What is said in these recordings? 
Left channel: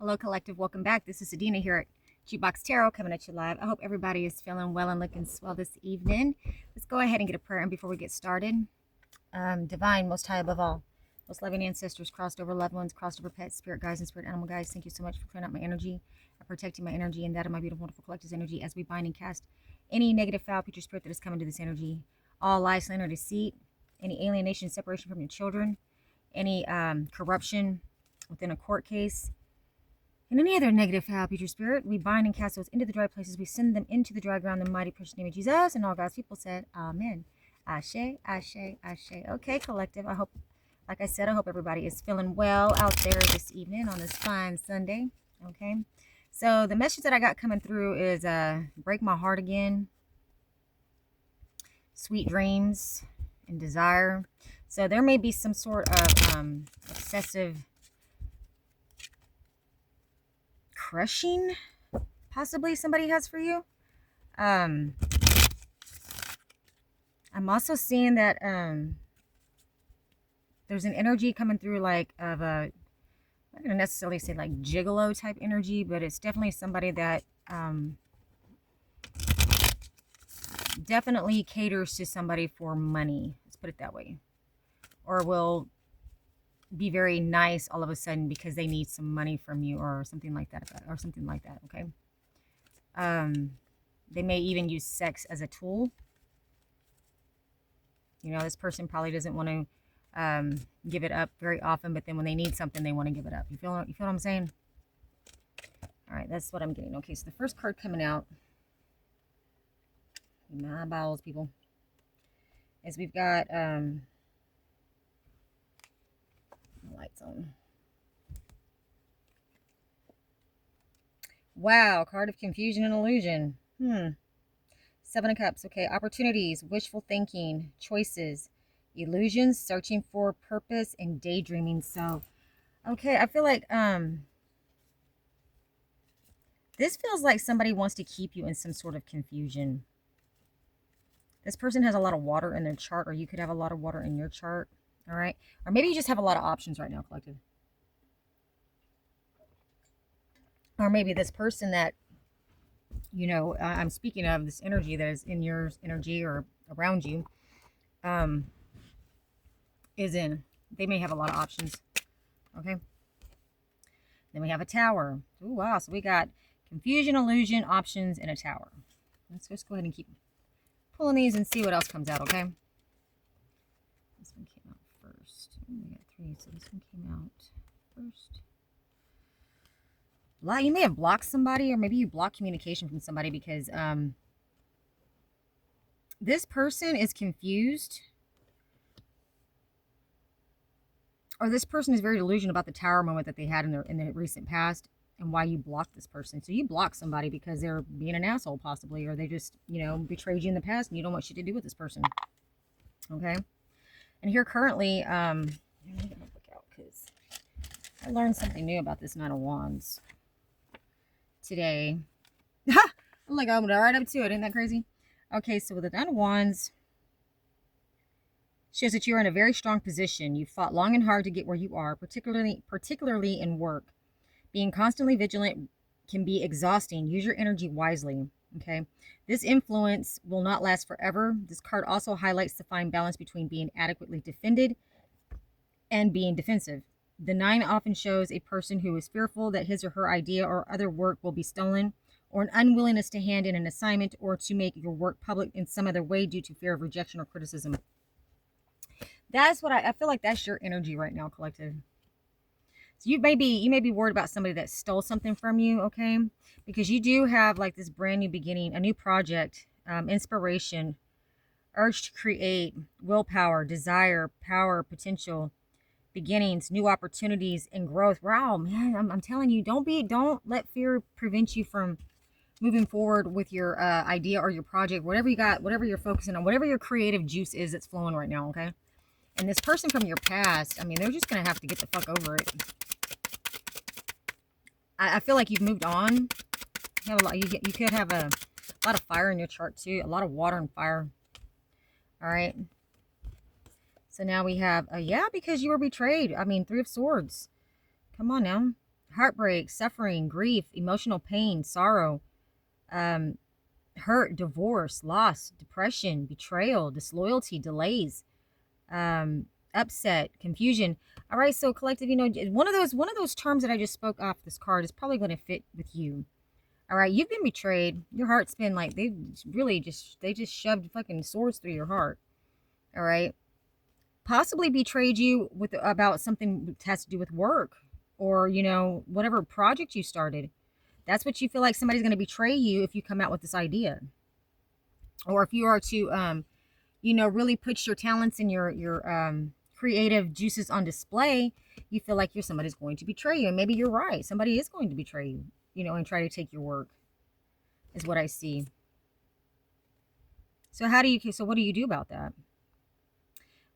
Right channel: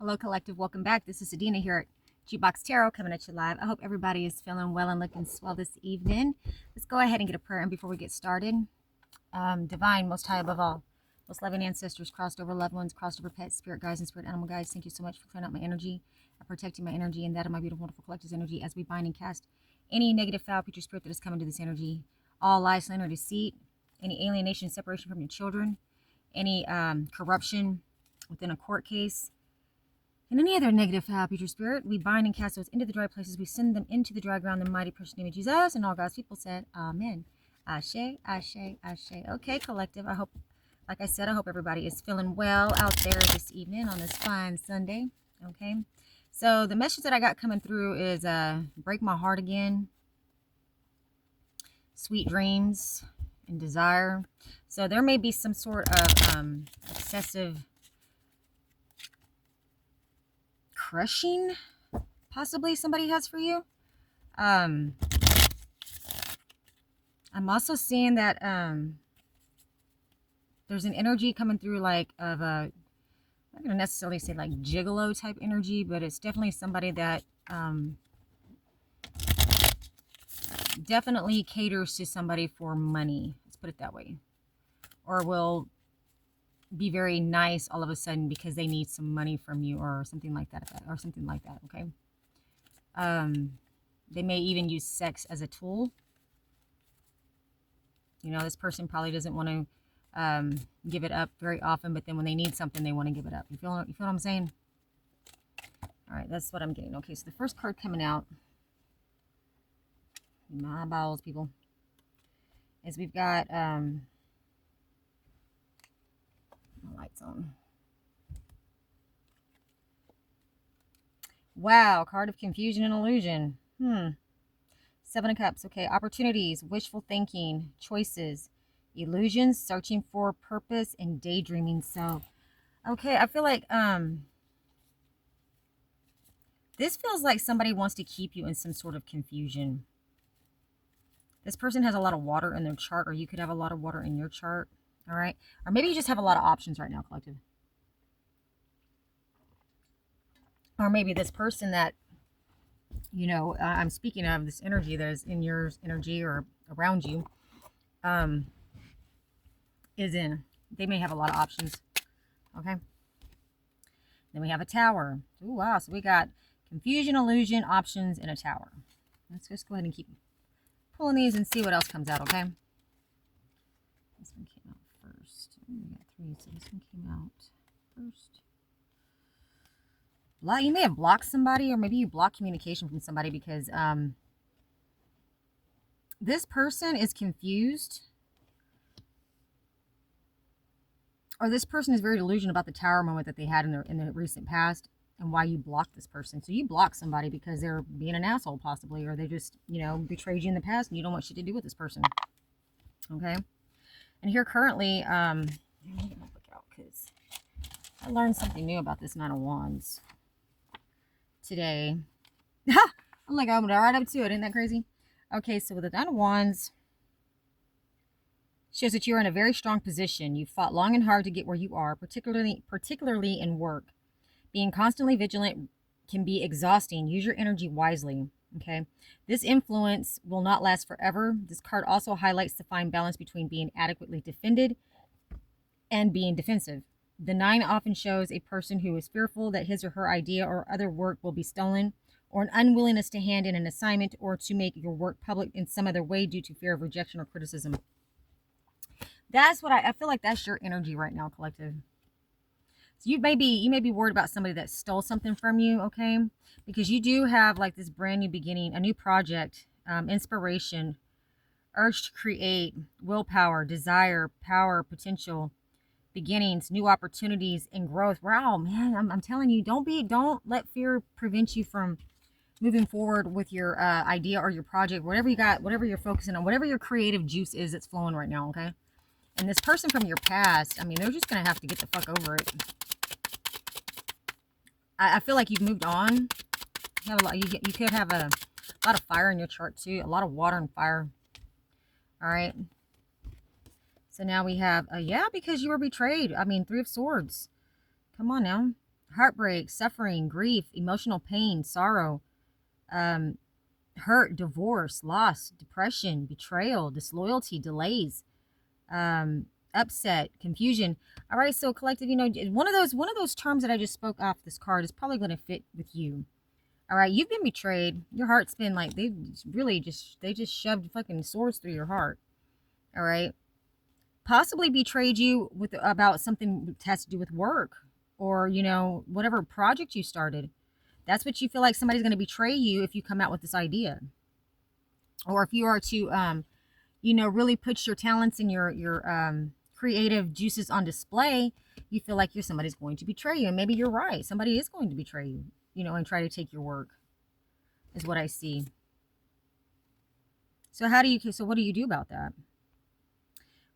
Hello, Collective. Welcome back. This is Adina here at G-Box Tarot coming at you live. I hope everybody is feeling well and looking swell this evening. Let's go ahead and get a prayer in before we get started. Divine, most high above all, most loving ancestors, crossed over loved ones, crossed over pets, spirit guides, and spirit animal guides. Thank you so much for clearing out my energy, protecting my energy, and that of my beautiful, wonderful collective's energy as we bind and cast any negative, foul, future spirit that is coming to this energy. All lies, slander, deceit, any alienation, separation from your children, any corruption within a court case, and any other negative, foul, future spirit, we bind and cast those into the dry places. We send them into the dry ground in the mighty, precious name of Jesus. And all God's people said, Amen. Ashe, ashe, ashe. Okay, collective. I hope, like I said, I hope everybody is feeling well out there this evening on this fine Sunday. Okay. So the message that I got coming through is break my heart again, sweet dreams, and desire. So there may be some sort of obsessive crushing possibly somebody has for you. I'm also seeing that there's an energy coming through like of a, I'm not going to necessarily say like gigolo type energy, but it's definitely somebody that definitely caters to somebody for money. Let's put it that way. Or will be very nice all of a sudden because they need some money from you or something like that, okay? They may even use sex as a tool. You know, this person probably doesn't want to give it up very often, but then when they need something, they want to give it up. You feel what I'm saying? All right, that's what I'm getting. Okay, so the first card coming out, my balls, people, is we've got lights on. Wow, card of confusion and illusion. Seven of Cups. Okay, opportunities, wishful thinking, choices, illusions, searching for purpose, and daydreaming. So, okay, I feel like this feels like somebody wants to keep you in some sort of confusion. This person has a lot of water in their chart, or you could have a lot of water in your chart. All right, or maybe you just have a lot of options right now, collective. Or maybe this person that, you know, I'm speaking of, this energy that is in your energy or around you, is in. They may have a lot of options. Okay. Then we have a tower. Ooh, wow. So we got confusion, illusion, options, and a tower. Let's just go ahead and keep pulling these and see what else comes out, okay? This one came out first. We got three, so this one came out first. You may have blocked somebody, or maybe you blocked communication from somebody because this person is confused, or this person is very delusional about the tower moment that they had in the recent past and why you blocked this person. So you block somebody because they're being an asshole possibly, or they just, you know, betrayed you in the past and you don't want shit to do with this person. Okay. And here currently, I'm gonna look out because I learned something new about this Nine of Wands today. I'm like, I'm right up to it. Isn't that crazy? Okay, so with the Nine of Wands, shows that you're in a very strong position. You fought long and hard to get where you are, particularly in work. Being constantly vigilant can be exhausting. Use your energy wisely. Okay. This influence will not last forever. This card also highlights the fine balance between being adequately defended and being defensive. The nine often shows a person who is fearful that his or her idea or other work will be stolen, or an unwillingness to hand in an assignment or to make your work public in some other way due to fear of rejection or criticism. That's what I feel like that's your energy right now, collective. So you may be worried about somebody that stole something from you, okay? Because you do have like this brand new beginning, a new project, inspiration, urge to create, willpower, desire, power, potential, beginnings, new opportunities, and growth. Wow, man, I'm telling you, don't let fear prevent you from moving forward with your idea or your project, whatever you got, whatever you're focusing on, whatever your creative juice is that's flowing right now, okay? And this person from your past, I mean, they're just going to have to get the fuck over it. I feel like you've moved on. You have a lot. You could have a lot of fire in your chart too. A lot of water and fire. All right. So now we have, yeah, because you were betrayed. I mean, Three of Swords. Come on now. heartbreak, suffering, grief, emotional pain, sorrow, um, hurt, divorce, loss, depression, betrayal, disloyalty, delays, upset, confusion. All right, so collective, one of those terms that I just spoke off this card is probably going to fit with you. All right, you've been betrayed. Your heart's been like they just shoved fucking swords through your heart. All right, possibly betrayed you with about something that has to do with work or whatever project you started. That's what you feel like somebody's going to betray you if you come out with this idea, or if you are to really put your talents and your creative juices on display. You feel like somebody's going to betray you, and maybe you're right. Somebody is going to betray you, and try to take your work, is what I see. So what do you do about that?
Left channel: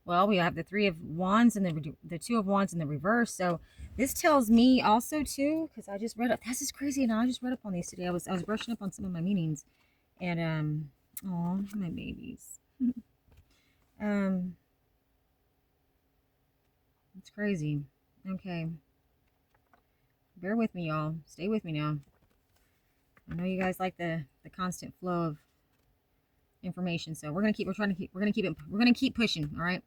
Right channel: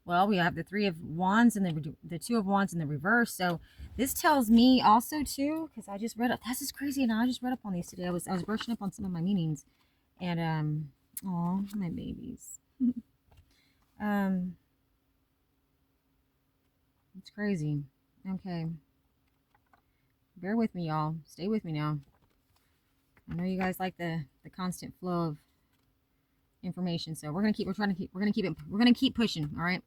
Well, we have the Three of Wands and the Two of Wands in the reverse. So this tells me also too, because I just read up. This is crazy, and I just read up on these today. I was brushing up on some of my meanings, and oh, my babies. It's crazy. Okay, bear with me, y'all. Stay with me now. I know you guys like the constant flow of information, so we're gonna keep pushing. All right,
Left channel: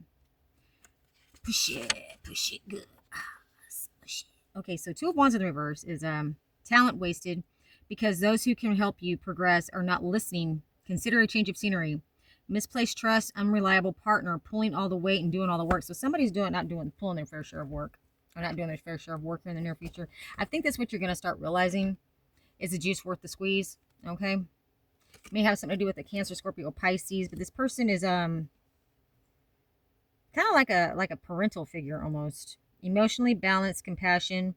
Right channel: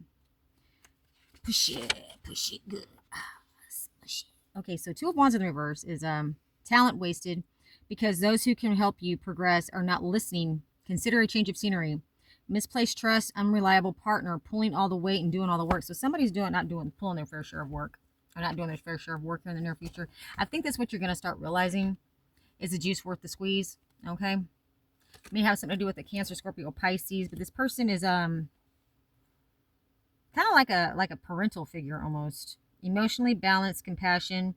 push it good. Push it. Okay, so Two of Wands in the reverse is talent wasted because those who can help you progress are not listening. Consider a change of scenery. Misplaced trust, unreliable partner, pulling all the weight and doing all the work. So somebody's pulling their fair share of work, or not doing their fair share of work here in the near future. I think that's what you're gonna start realizing. Is the juice worth the squeeze? Okay. May have something to do with the Cancer, Scorpio, Pisces, but this person is kind of like a parental figure almost. Emotionally balanced, compassion,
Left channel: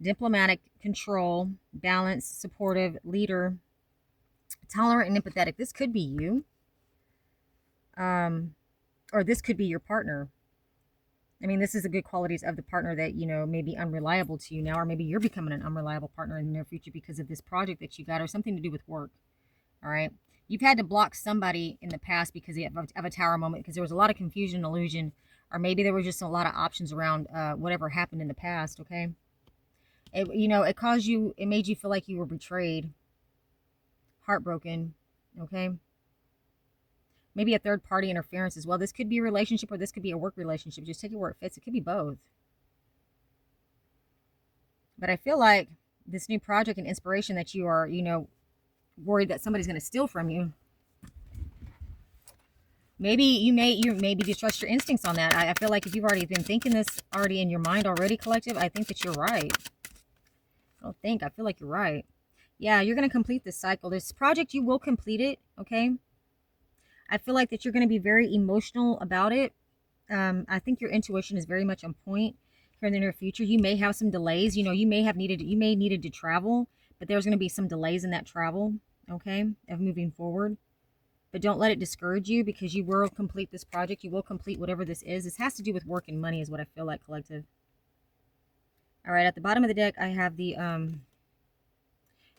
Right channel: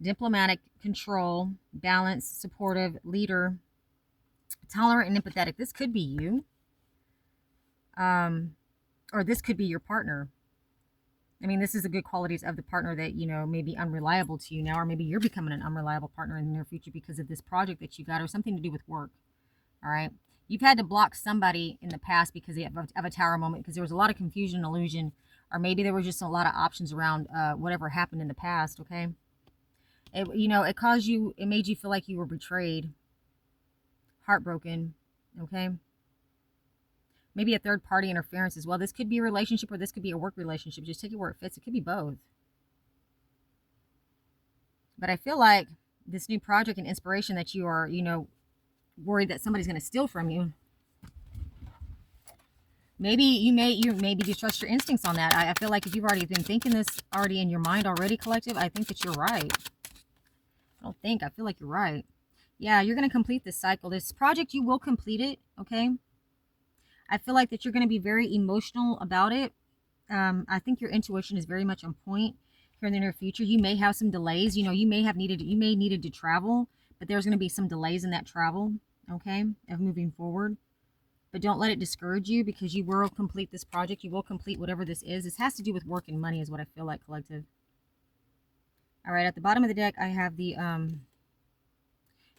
diplomatic, control, balanced, supportive, leader, tolerant, and empathetic. This could be you, or this could be your partner. I mean, this is the good qualities of the partner that may be unreliable to you now, or maybe you're becoming an unreliable partner in the near future because of this project that you got, or something to do with work. All right. You've had to block somebody in the past because of a tower moment, because there was a lot of confusion and illusion, or maybe there were just a lot of options around whatever happened in the past. Okay. It made you feel like you were betrayed, heartbroken. Okay. Maybe a third party interference as well. This could be a relationship, or this could be a work relationship. Just take it where it fits. It could be both. But I feel like this new project and inspiration that you are, worried that somebody's going to steal from you. Maybe you maybe distrust your instincts on that. I feel like if you've already been thinking this already in your mind already, collective, I think that you're right. I feel like you're right. Yeah, you're going to complete this cycle. This project, you will complete it, okay? I feel like that you're going to be very emotional about it. I think your intuition is very much on point here in the near future. You may have some delays. You may needed to travel, but there's going to be some delays in that travel, okay, of moving forward. But don't let it discourage you, because you will complete this project. You will complete whatever this is. This has to do with work and money is what I feel like, collective. All right, at the bottom of the deck, I have the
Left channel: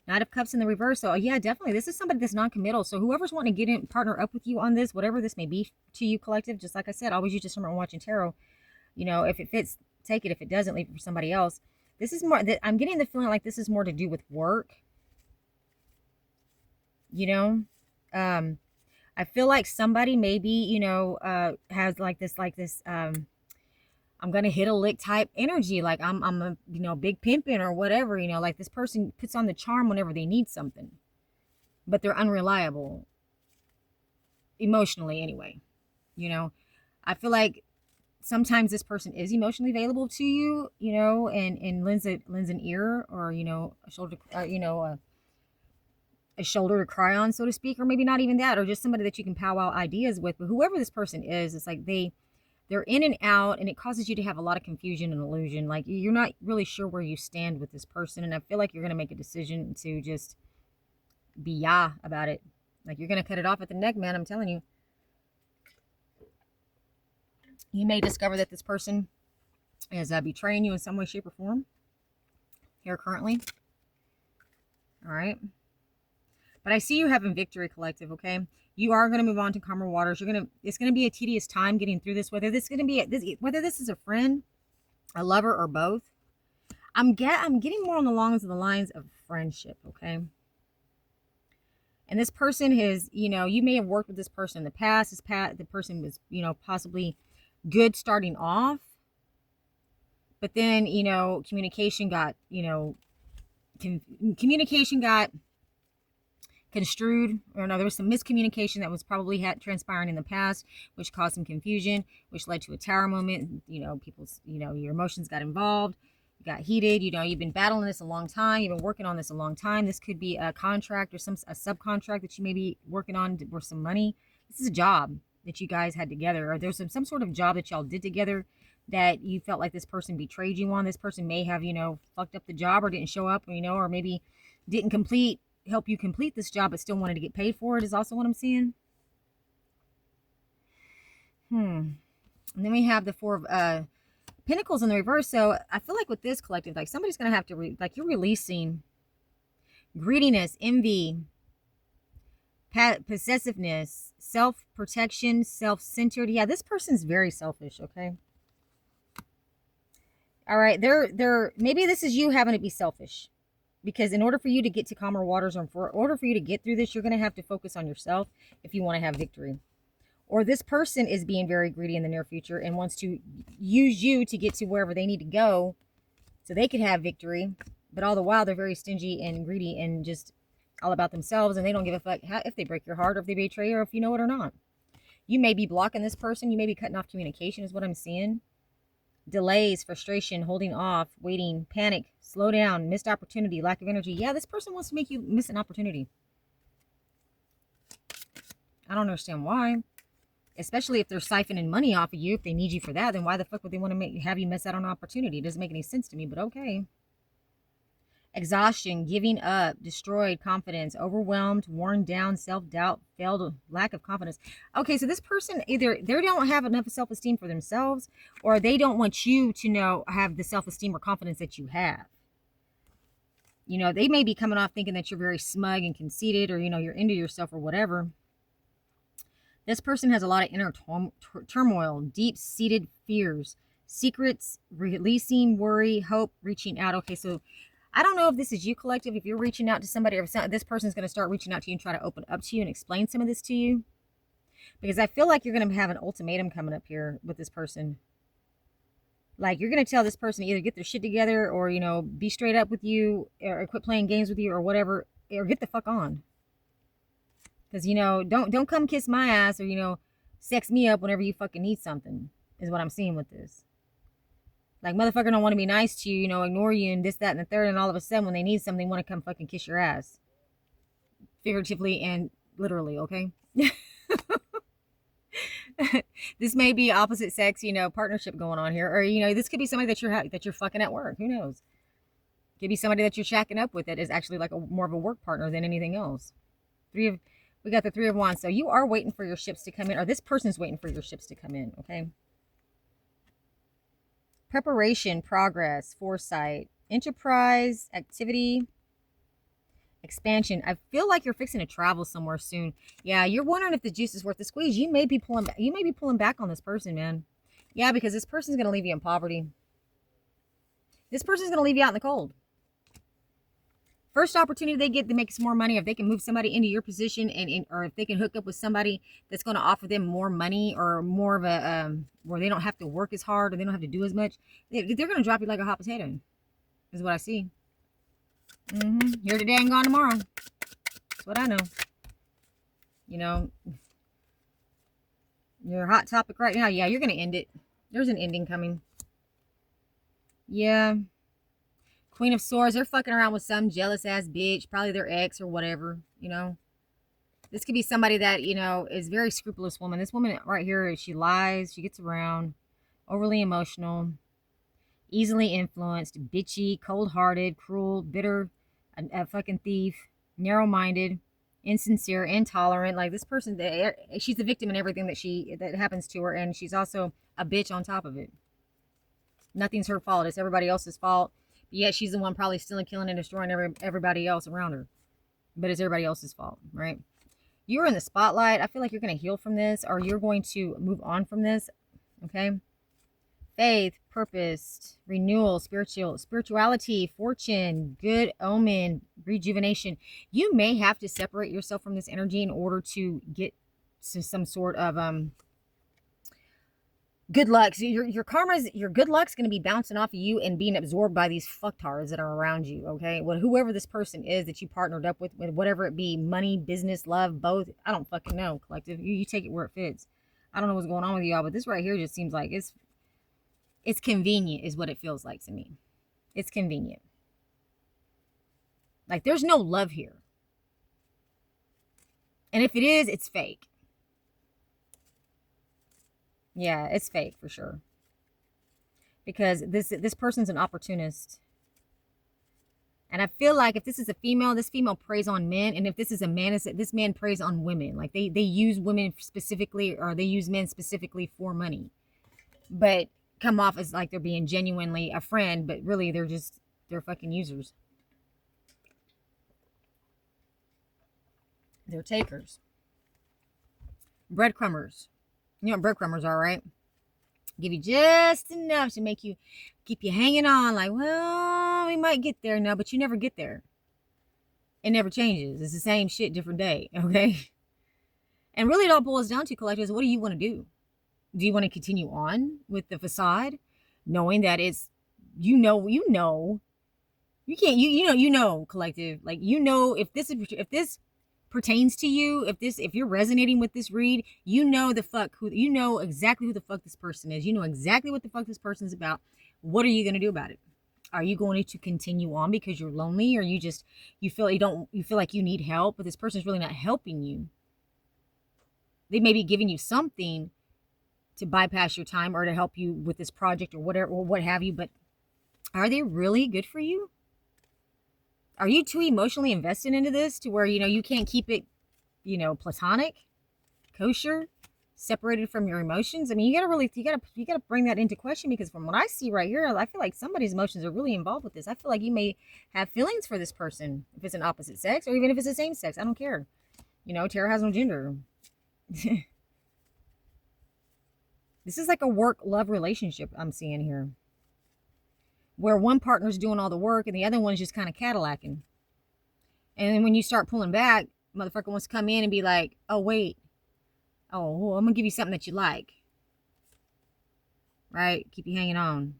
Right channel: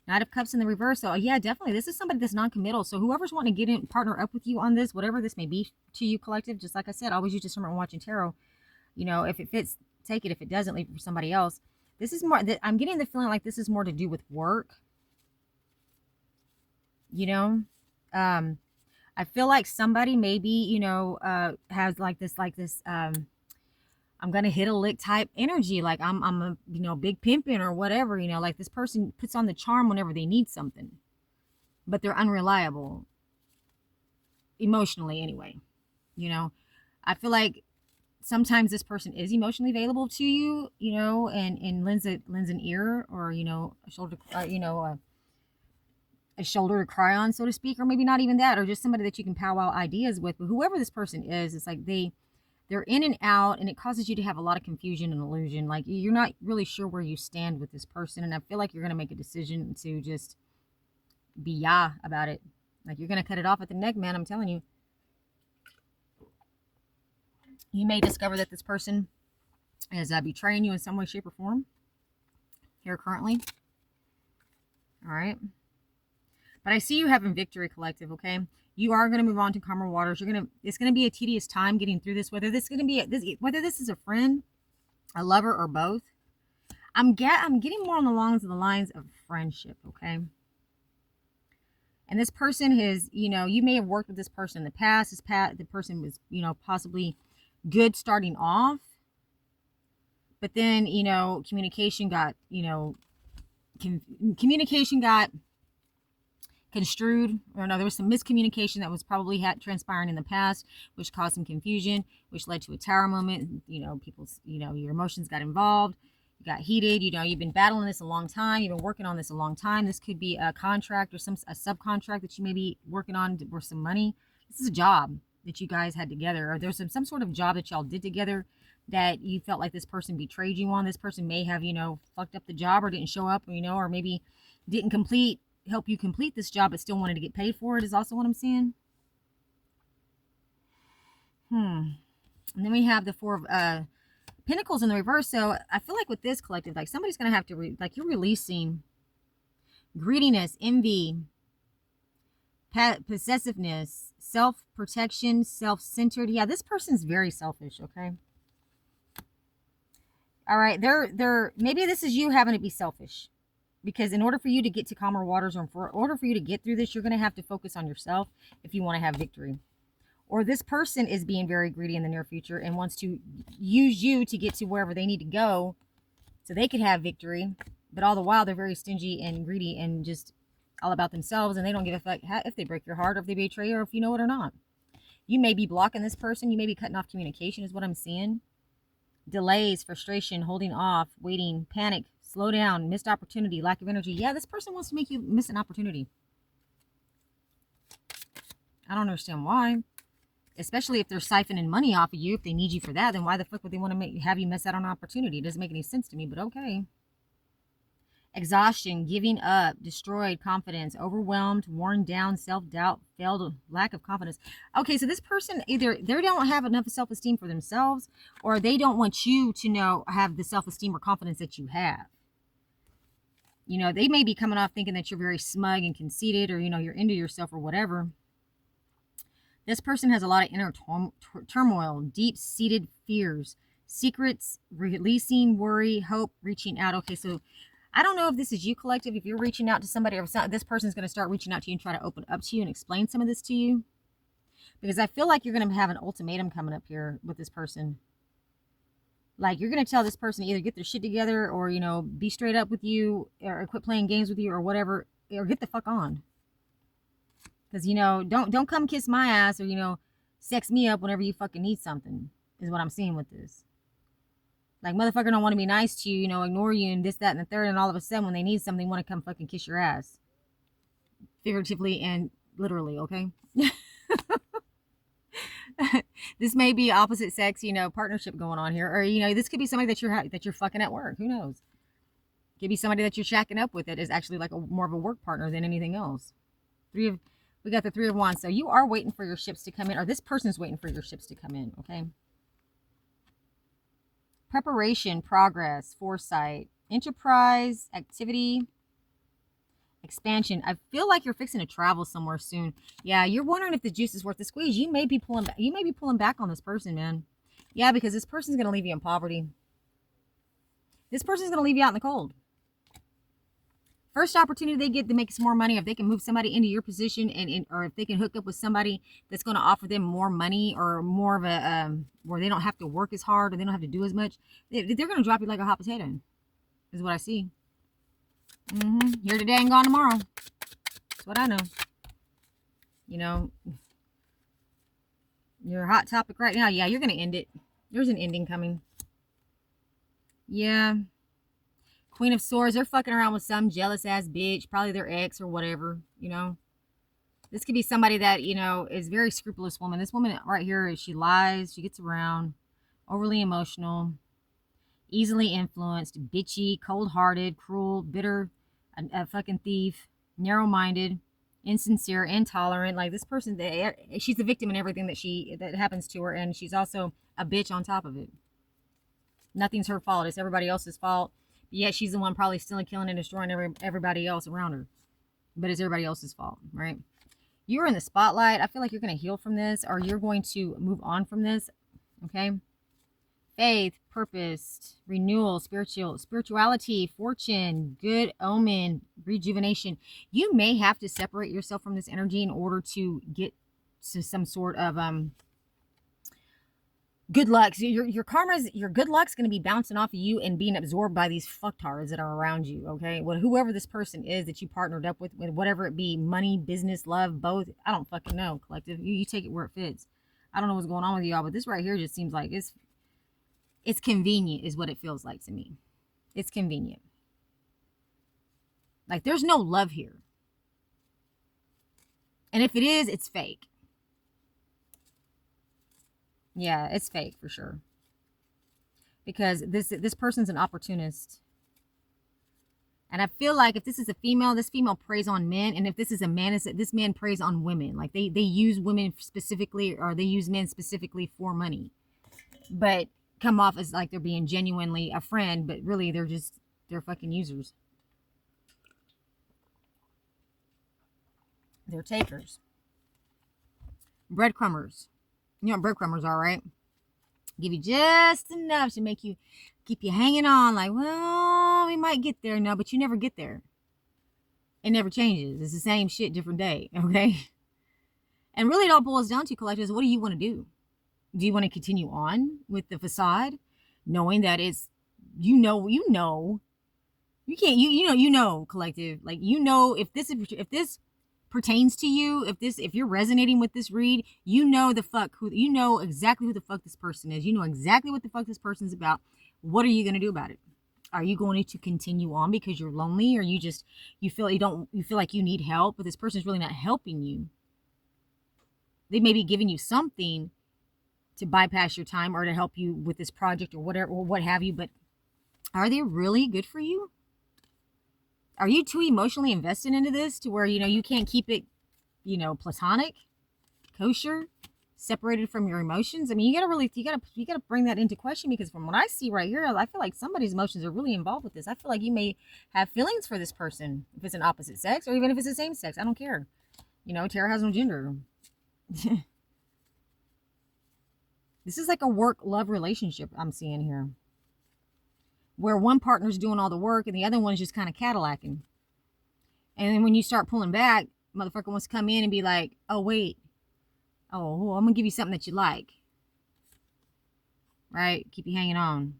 Knight of Cups in the reverse. So yeah, definitely, this is somebody that's non-committal. So whoever's wanting to get in, partner up with you on this, whatever this may be to you, collective, just like I said, always use discernment when watching tarot. If it fits, take it. If it doesn't, leave it for somebody else. This is more, I'm getting the feeling like this is more to do with work. I feel like somebody maybe, has like this, I'm going to hit a lick type energy. Like I'm a, big pimping or whatever, like this person puts on the charm whenever they need something, but they're unreliable emotionally anyway. I feel like sometimes this person is emotionally available to you, and lends an ear, or, a shoulder, a shoulder to cry on, so to speak, or maybe not even that, or just somebody that you can powwow ideas with. But whoever this person is, it's like they're in and out, and it causes you to have a lot of confusion and illusion. Like you're not really sure where you stand with this person, and I feel like you're going to make a decision to just be about it. Like you're going to cut it off at the neck, man. I'm telling you. You may discover that this person is betraying you in some way, shape, or form here currently. All right. But I see you having victory, collective, okay? You are going to move on to calmer waters. It's going to be a tedious time getting through this, whether this is a friend, a lover, or both. I'm getting more on the lines of friendship, okay? And this person has, you may have worked with this person in the past. The person was, possibly good starting off, but then, communication got, communication got construed, or no, there was some miscommunication that was probably transpiring in the past, which caused some confusion, which led to a tower moment. People's, your emotions got involved, you got heated. You've been battling this a long time, you've been working on this a long time. This could be a contract or a subcontract that you may be working on for some money. This is a job that you guys had together, or there's some sort of job that y'all did together that you felt like this person betrayed you on. This person may have, fucked up the job, or didn't show up, or maybe didn't help you complete this job, but still wanted to get paid for it, is also what I'm seeing. And then we have the Four of Pentacles in the reverse. So I feel like with this collective, like somebody's going to have to, you're releasing greediness, envy, possessiveness, self-protection, self-centered. Yeah, this person's very selfish, okay? All right, maybe this is you having to be selfish. Because in order for you to get to calmer waters, or in order for you to get through this, you're going to have to focus on yourself if you want to have victory. Or this person is being very greedy in the near future and wants to use you to get to wherever they need to go so they could have victory. But all the while, they're very stingy and greedy and just all about themselves, and they don't give a fuck if they break your heart, or if they betray you, or if you know it or not. You may be blocking this person. You may be cutting off communication, is what I'm seeing. Delays, frustration, holding off, waiting, panic, slow down, missed opportunity, lack of energy. Yeah, this person wants to make you miss an opportunity. I don't understand why. Especially if they're siphoning money off of you. If they need you for that, then why the fuck would they want to have you miss out on an opportunity? It doesn't make any sense to me, but okay. Exhaustion, giving up, destroyed confidence, overwhelmed, worn down, self-doubt, failed, lack of confidence. Okay, so this person, either they don't have enough self-esteem for themselves, or they don't want you to have the self-esteem or confidence that you have. They may be coming off thinking that you're very smug and conceited, or, you're into yourself or whatever. This person has a lot of inner turmoil, deep-seated fears, secrets, releasing, worry, hope, reaching out. Okay, so I don't know if this is you, collective, if you're reaching out to somebody, or if this person's going to start reaching out to you and try to open up to you and explain some of this to you. Because I feel like you're going to have an ultimatum coming up here with this person. Like, you're going to tell this person to either get their shit together, or, be straight up with you, or quit playing games with you, or whatever, or get the fuck on. Because, don't come kiss my ass, or, sex me up whenever you fucking need something, is what I'm seeing with this. Like, motherfucker don't want to be nice to you, ignore you and this, that, and the third, and all of a sudden when they need something, they want to come fucking kiss your ass. Figuratively and literally, okay? This may be opposite sex, partnership going on here. Or, this could be somebody that you're fucking at work. Who knows? It could be somebody that you're shacking up with that is actually like more of a work partner than anything else. We got the Three of Wands. So you are waiting for your ships to come in, or this person's waiting for your ships to come in, okay? Preparation, progress, foresight, enterprise, activity, expansion. I feel like you're fixing to travel somewhere soon. Yeah, you're wondering if the juice is worth the squeeze. You may be pulling back on this person, man. Yeah, because this person's going to leave you in poverty. This person's going to leave you out in the cold. First opportunity they get to make some more money, if they can move somebody into your position, or if they can hook up with somebody that's going to offer them more money, or more of a where they don't have to work as hard, or they don't have to do as much, they're going to drop you like a hot potato, is what I see. Here today and gone tomorrow. That's what I know. Your hot topic right now. Yeah, you're going to end it. There's an ending coming. Yeah. Queen of Swords, they're fucking around with some jealous ass bitch, probably their ex or whatever, This could be somebody that, is a very scrupulous woman. This woman right here, she lies, she gets around, overly emotional, easily influenced, bitchy, cold-hearted, cruel, bitter, a fucking thief, narrow-minded, insincere, intolerant. Like, this person, she's the victim in everything that happens to her, and she's also a bitch on top of it. Nothing's her fault. It's everybody else's fault. Yet she's the one probably stealing, killing, and destroying everybody else around her. But it's everybody else's fault, right? You're in the spotlight. I feel like you're going to heal from this, or you're going to move on from this, okay? faith, purpose, renewal, spirituality, fortune, good omen, rejuvenation. You may have to separate yourself from this energy in order to get to some sort of good luck. So your good luck's going to be bouncing off of you and being absorbed by these fucktards that are around you. Okay, well, whoever this person is that you partnered up with, whatever it be, money, business, love, both. I don't fucking know. Collective, you take it where it fits. I don't know what's going on with y'all, but this right here just seems like it's convenient, is what it feels like to me. It's convenient. Like there's no love here, and if it is, it's fake. Yeah, it's fake for sure. Because this person's an opportunist. And I feel like if this is a female, this female preys on men. And if this is a man, this man preys on women. Like they use women specifically, or they use men specifically for money. But come off as like they're being genuinely a friend, but really they're fucking users. They're takers. Breadcrumbers. You know what breadcrumbers are, right? Give you just enough to make you keep you hanging on, like, well, we might get there now, but you never get there. It never changes. It's the same shit, different day, okay? And really, it all boils down to, collectors, what do you want to do? Do you want to continue on with the facade, knowing that it's, you know, you can't, you know, collective, like, you know, if this pertains to you, if you're resonating with this read, you know you know exactly who the fuck this person is. You know exactly what the fuck this person's about. What are you going to do about it? Are you going to continue on because you're lonely, or you feel like you need help, but this person's really not helping you? They may be giving you something to bypass your time or to help you with this project or whatever, or what have you, but are they really good for you? Are you too emotionally invested into this to where, you can't keep it, platonic, kosher, separated from your emotions? I mean, you gotta bring that into question, because from what I see right here, I feel like somebody's emotions are really involved with this. I feel like you may have feelings for this person, if it's an opposite sex, or even if it's the same sex. I don't care. Tarot has no gender. This is like a work-love relationship I'm seeing here, where one partner's doing all the work and the other one's just kind of Cadillacing. And then when you start pulling back, motherfucker wants to come in and be like, oh, wait. Oh, well, I'm going to give you something that you like. Right? Keep you hanging on.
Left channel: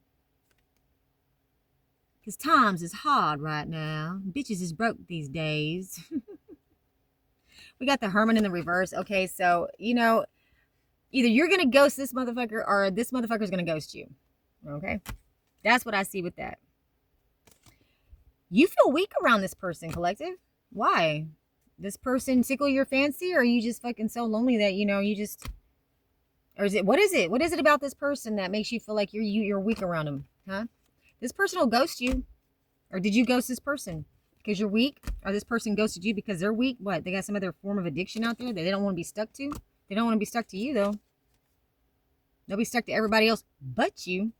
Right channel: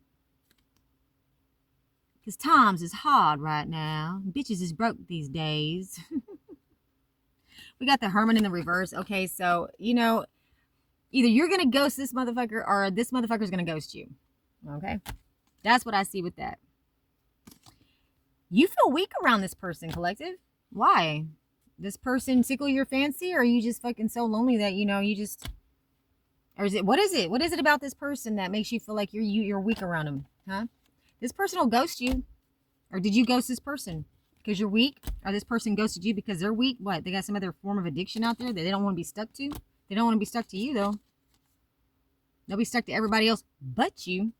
Because times is hard right now. Bitches is broke these days. We got the Hermit in the reverse. Okay, so, either you're going to ghost this motherfucker, or this motherfucker's going to ghost you. Okay? That's what I see with that. You feel weak around this person, collective. Why? This person tickle your fancy, or are you just fucking so lonely that, you just... Or is it... What is it? What is it about this person that makes you feel like you're weak around him? Huh? This person will ghost you. Or did you ghost this person because you're weak? Or this person ghosted you because they're weak? What? They got some other form of addiction out there that they don't want to be stuck to? They don't want to be stuck to you, though. They'll be stuck to everybody else but you.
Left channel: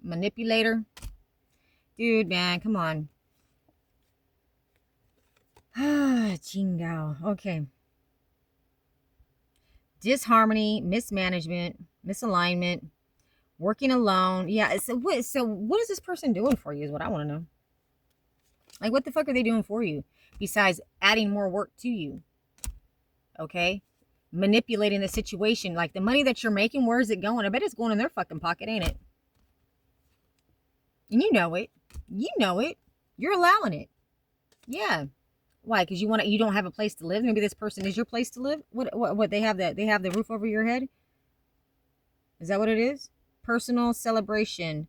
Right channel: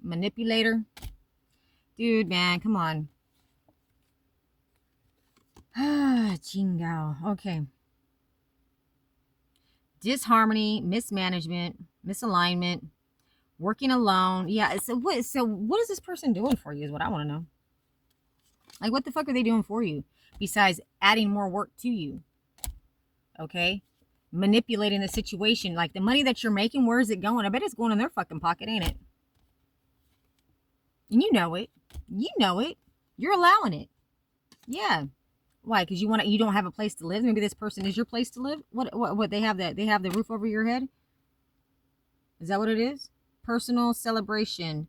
Manipulator. Dude, man, come on. Jingao. Okay. Disharmony, mismanagement, misalignment, working alone. Yeah, so what is this person doing for you is what I want to know. Like, what the fuck are they doing for you besides adding more work to you? Okay? Manipulating the situation. Like, the money that you're making, where is it going? I bet it's going in their fucking pocket, ain't it? And you know it. You know it. You're allowing it. Yeah. Why? Because you don't have a place to live. Maybe this person is your place to live. What they have they have the roof over your head. Is that what it is? Personal celebration,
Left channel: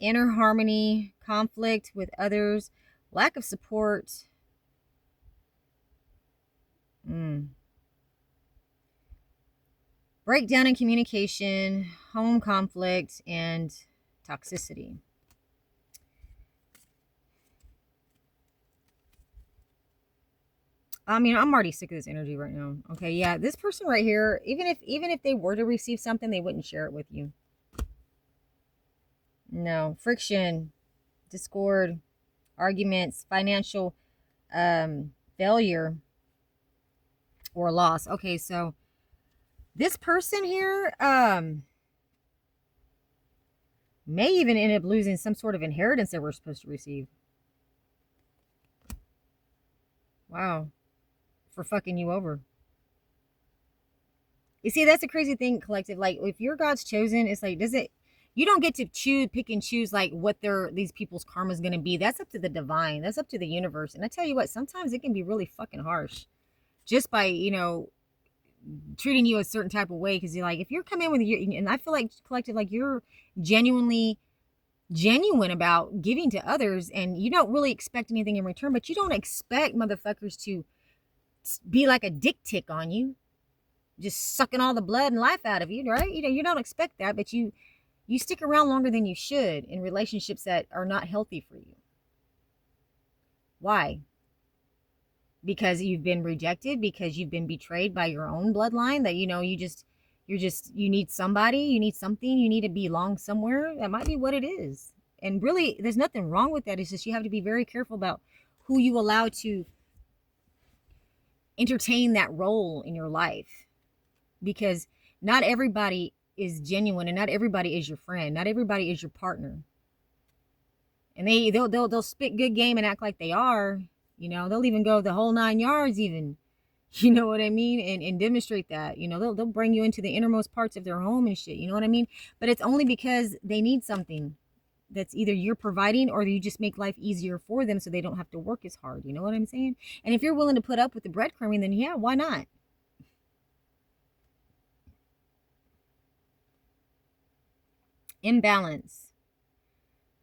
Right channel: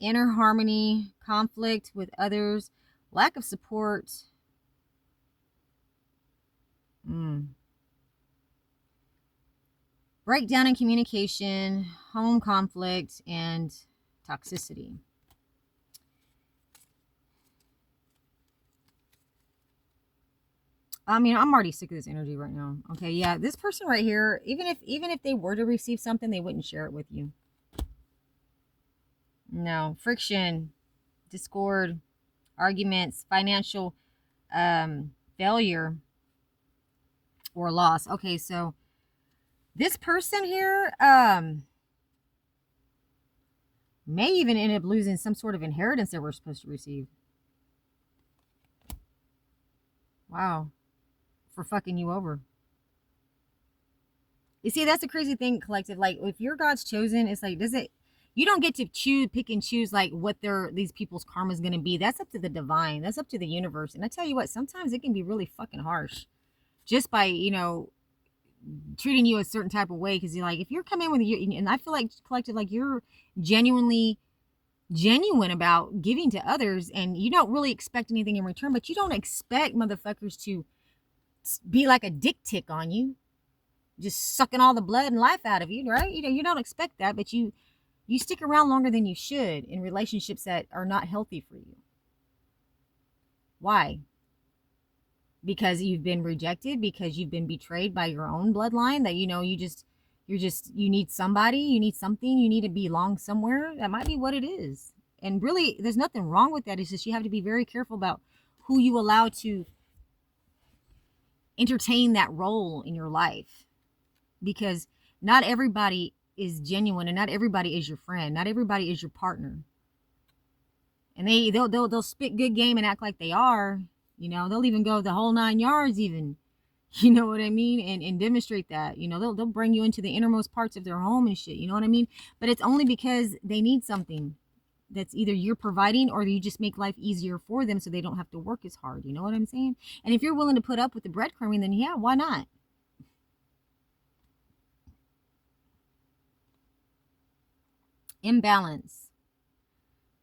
inner harmony, conflict with others, lack of support. Breakdown in communication, home conflict, and toxicity. I mean, I'm already sick of this energy right now. Okay, yeah, this person right here, even if they were to receive something, they wouldn't share it with you. No, friction, discord, arguments, financial failure or loss. Okay, so This person here may even end up losing some sort of inheritance that we're supposed to receive. Wow. For fucking you over. You see, that's a crazy thing, collective. Like, if you're God's chosen, it's like, you don't get to pick and choose like what these people's karma is going to be. That's up to the divine. That's up to the universe. And I tell you what, sometimes it can be really fucking harsh just by, treating you a certain type of way. Because you're like, if you're coming with you, and I feel like, collective, like you're genuine about giving to others, and you don't really expect anything in return, but you don't expect motherfuckers to be like a dick tick on you, just sucking all the blood and life out of you, right? You don't expect that, but you stick around longer than you should in relationships that are not healthy for you. Why? Because you've been rejected, because you've been betrayed by your own bloodline, that you need somebody, you need something, you need to belong somewhere. That might be what it is. And really, there's nothing wrong with that. It's just you have to be very careful about who you allow to entertain that role in your life, because not everybody is genuine, and not everybody is your friend, not everybody is your partner. And they'll spit good game and act like they are, they'll even go the whole 9 yards even, you know what I mean, and demonstrate that, they'll bring you into the innermost parts of their home and shit, you know what I mean, but it's only because they need something that's either you're providing, or you just make life easier for them so they don't have to work as hard, you know what I'm saying? And if you're willing to put up with the breadcrumbing, then yeah, why not? Imbalance,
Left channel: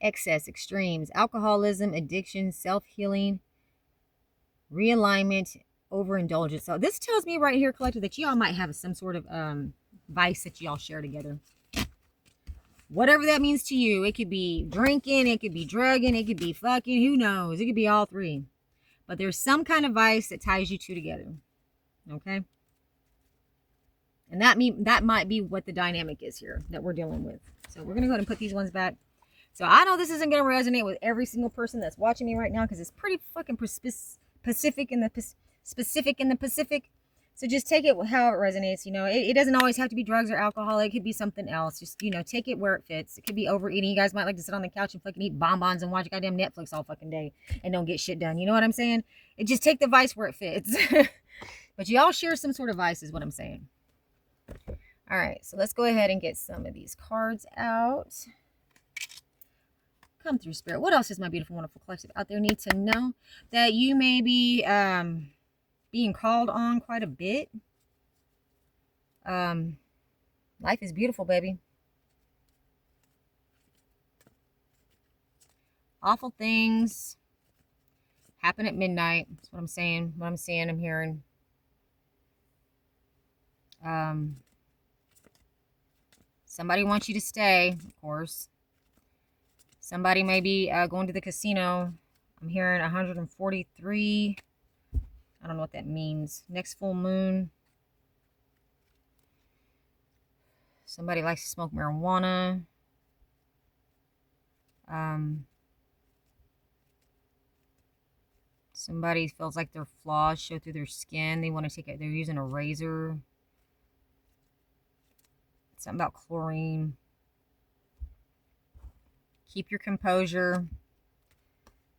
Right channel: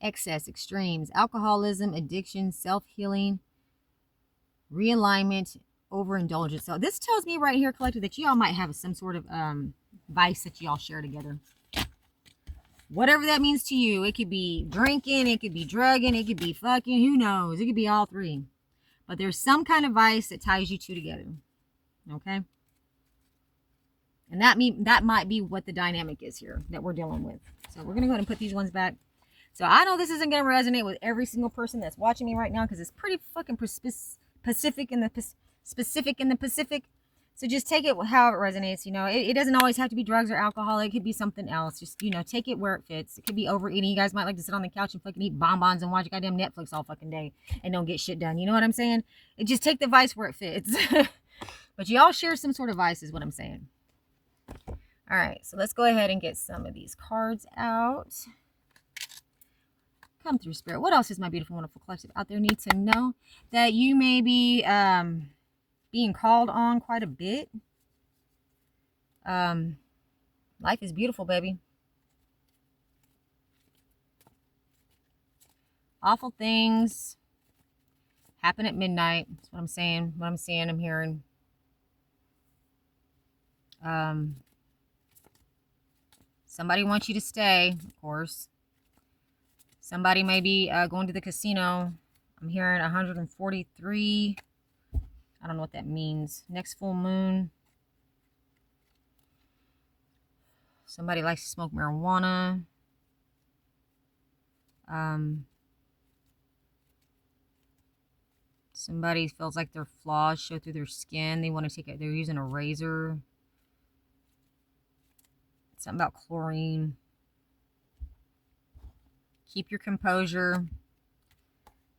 excess, extremes, alcoholism, addiction, self-healing, realignment, overindulgence. So this tells me right here, collective, that y'all might have some sort of vice that y'all share together. Whatever that means to you. It could be drinking, it could be drugging, it could be fucking, who knows? It could be all three. But there's some kind of vice that ties you two together. Okay? And that might be what the dynamic is here that we're dealing with. So we're going to go ahead and put these ones back. So I know this isn't going to resonate with every single person that's watching me right now, because it's pretty fucking specific in the Pacific. So just take it how it resonates. It doesn't always have to be drugs or alcohol. It could be something else. Just, take it where it fits. It could be overeating. You guys might like to sit on the couch and fucking eat bonbons and watch goddamn Netflix all fucking day and don't get shit done. You know what I'm saying? Just take the vice where it fits. But y'all share some sort of vice is what I'm saying. All right, so let's go ahead and get some of these cards out. Come through, Spirit. What else does my beautiful, wonderful collective out there need to know? That you may be being called on quite a bit. Life is beautiful, baby. Awful things happen at midnight. That's what I'm saying. What I'm seeing, I'm hearing. Somebody wants you to stay, of course. Somebody may be going to the casino. I'm hearing 143. I don't know what that means. Next full moon. Somebody likes to smoke marijuana. Somebody feels like their flaws show through their skin. They want to take it. They're using a razor. Something about chlorine. Keep your composure.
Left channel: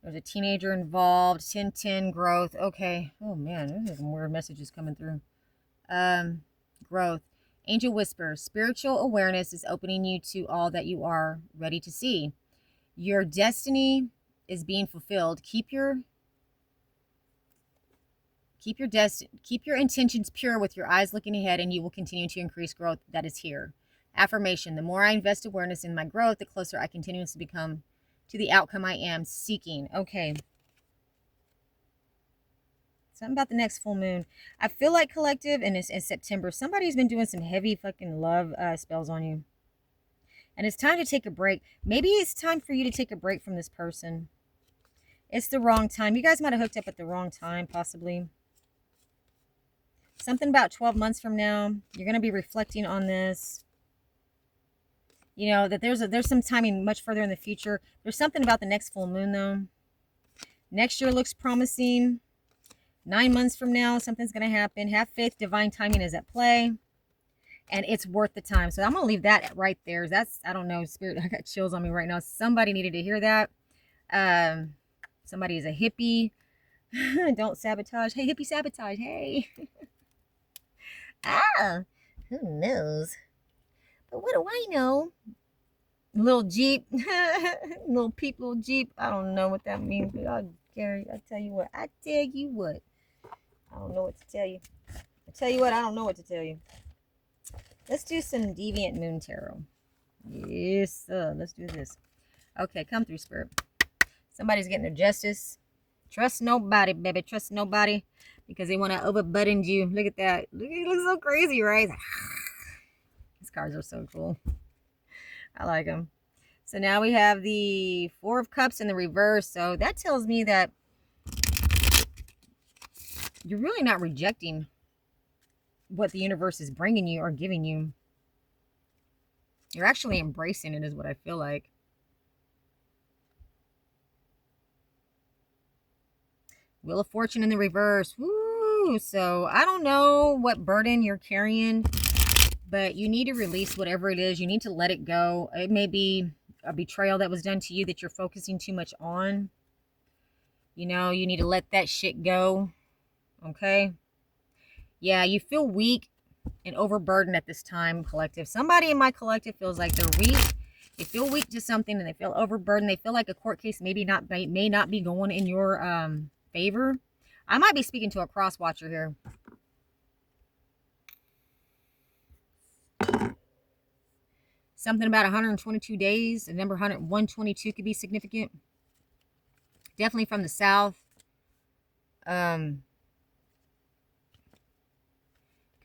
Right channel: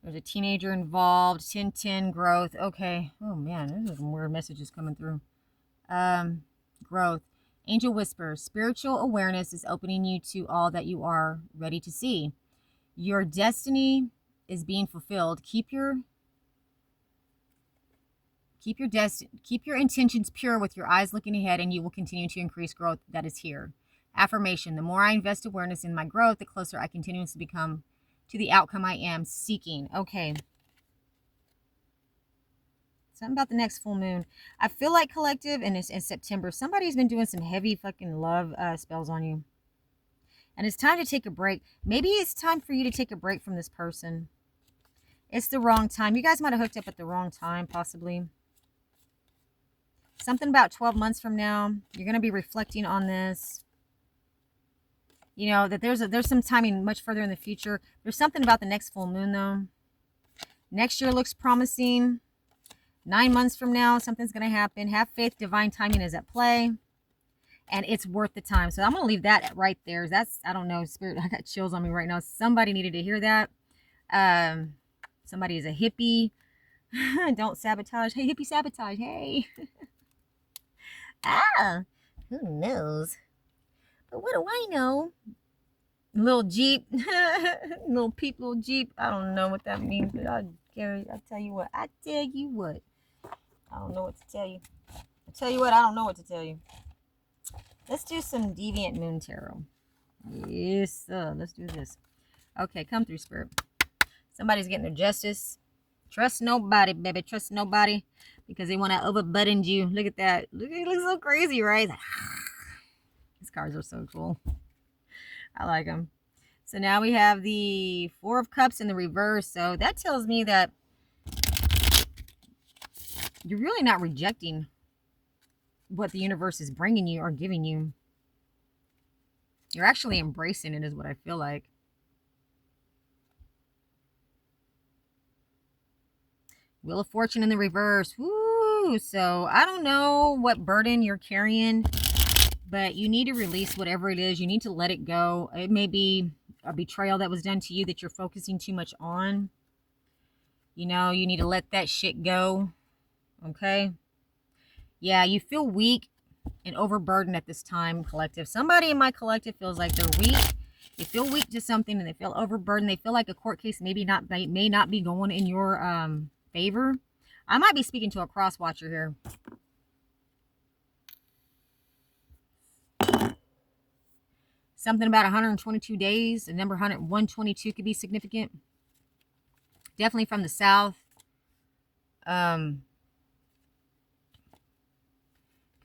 There's a teenager involved. 10-10 growth. Okay. Oh man, there's some weird messages coming through. Growth. Angel whisper. Spiritual awareness is opening you to all that you are ready to see. Your destiny is being fulfilled. Keep your intentions pure with your eyes looking ahead, and you will continue to increase growth that is here. Affirmation. The more I invest awareness in my growth, the closer I continuously become to the outcome I am seeking. Okay. Something about the next full moon. I feel like, collective, and it's in September, somebody's been doing some heavy fucking love spells on you. And it's time to take a break. Maybe it's time for you to take a break from this person. It's the wrong time. You guys might have hooked up at the wrong time, possibly. Something about 12 months from now, you're going to be reflecting on this. That there's some timing much further in the future. There's something about the next full moon, though. Next year looks promising. 9 months from now, something's going to happen. Have faith. Divine timing is at play. and it's worth the time. So I'm gonna leave that right there. That's, I don't know, spirit. I got chills on me right now. Somebody needed to hear that. Um, Somebody is a hippie. Don't sabotage. Hey, hippie sabotage. Hey. Ah, who knows? But what do I know? Little Jeep, little peep, little Jeep. I don't know what that means, but Gary, I tell you what. I tell you what. I don't know what to tell you. I tell you what. I don't know what to tell you. Let's do some Deviant Moon Tarot. Yes, sir. Let's do this. Okay, come through, Spirit. Somebody's getting their justice. Trust nobody, baby. Trust nobody, because they want to overburden you. Look at that. Look, it looks so crazy, right? These cards are so cool. I like them. So now we have the Four of Cups in the reverse. So that tells me that you're really not rejecting what the universe is bringing you or giving you. You're actually embracing it, is what I feel like. Wheel of Fortune in the reverse. Woo! So I don't know what burden you're carrying, but you need to release whatever it is. You need to let it go. It may be a betrayal that was done to you that you're focusing too much on. You know, you need to let that shit go. Okay? Yeah, you feel weak and overburdened at this time, collective. Somebody in my collective feels like they're weak. They feel weak to something and they feel overburdened. They feel like a court case may not be going in your favor. I might be speaking to a cross watcher here. Something about 122 days. The number 122 could be significant. Definitely from the south. Gotta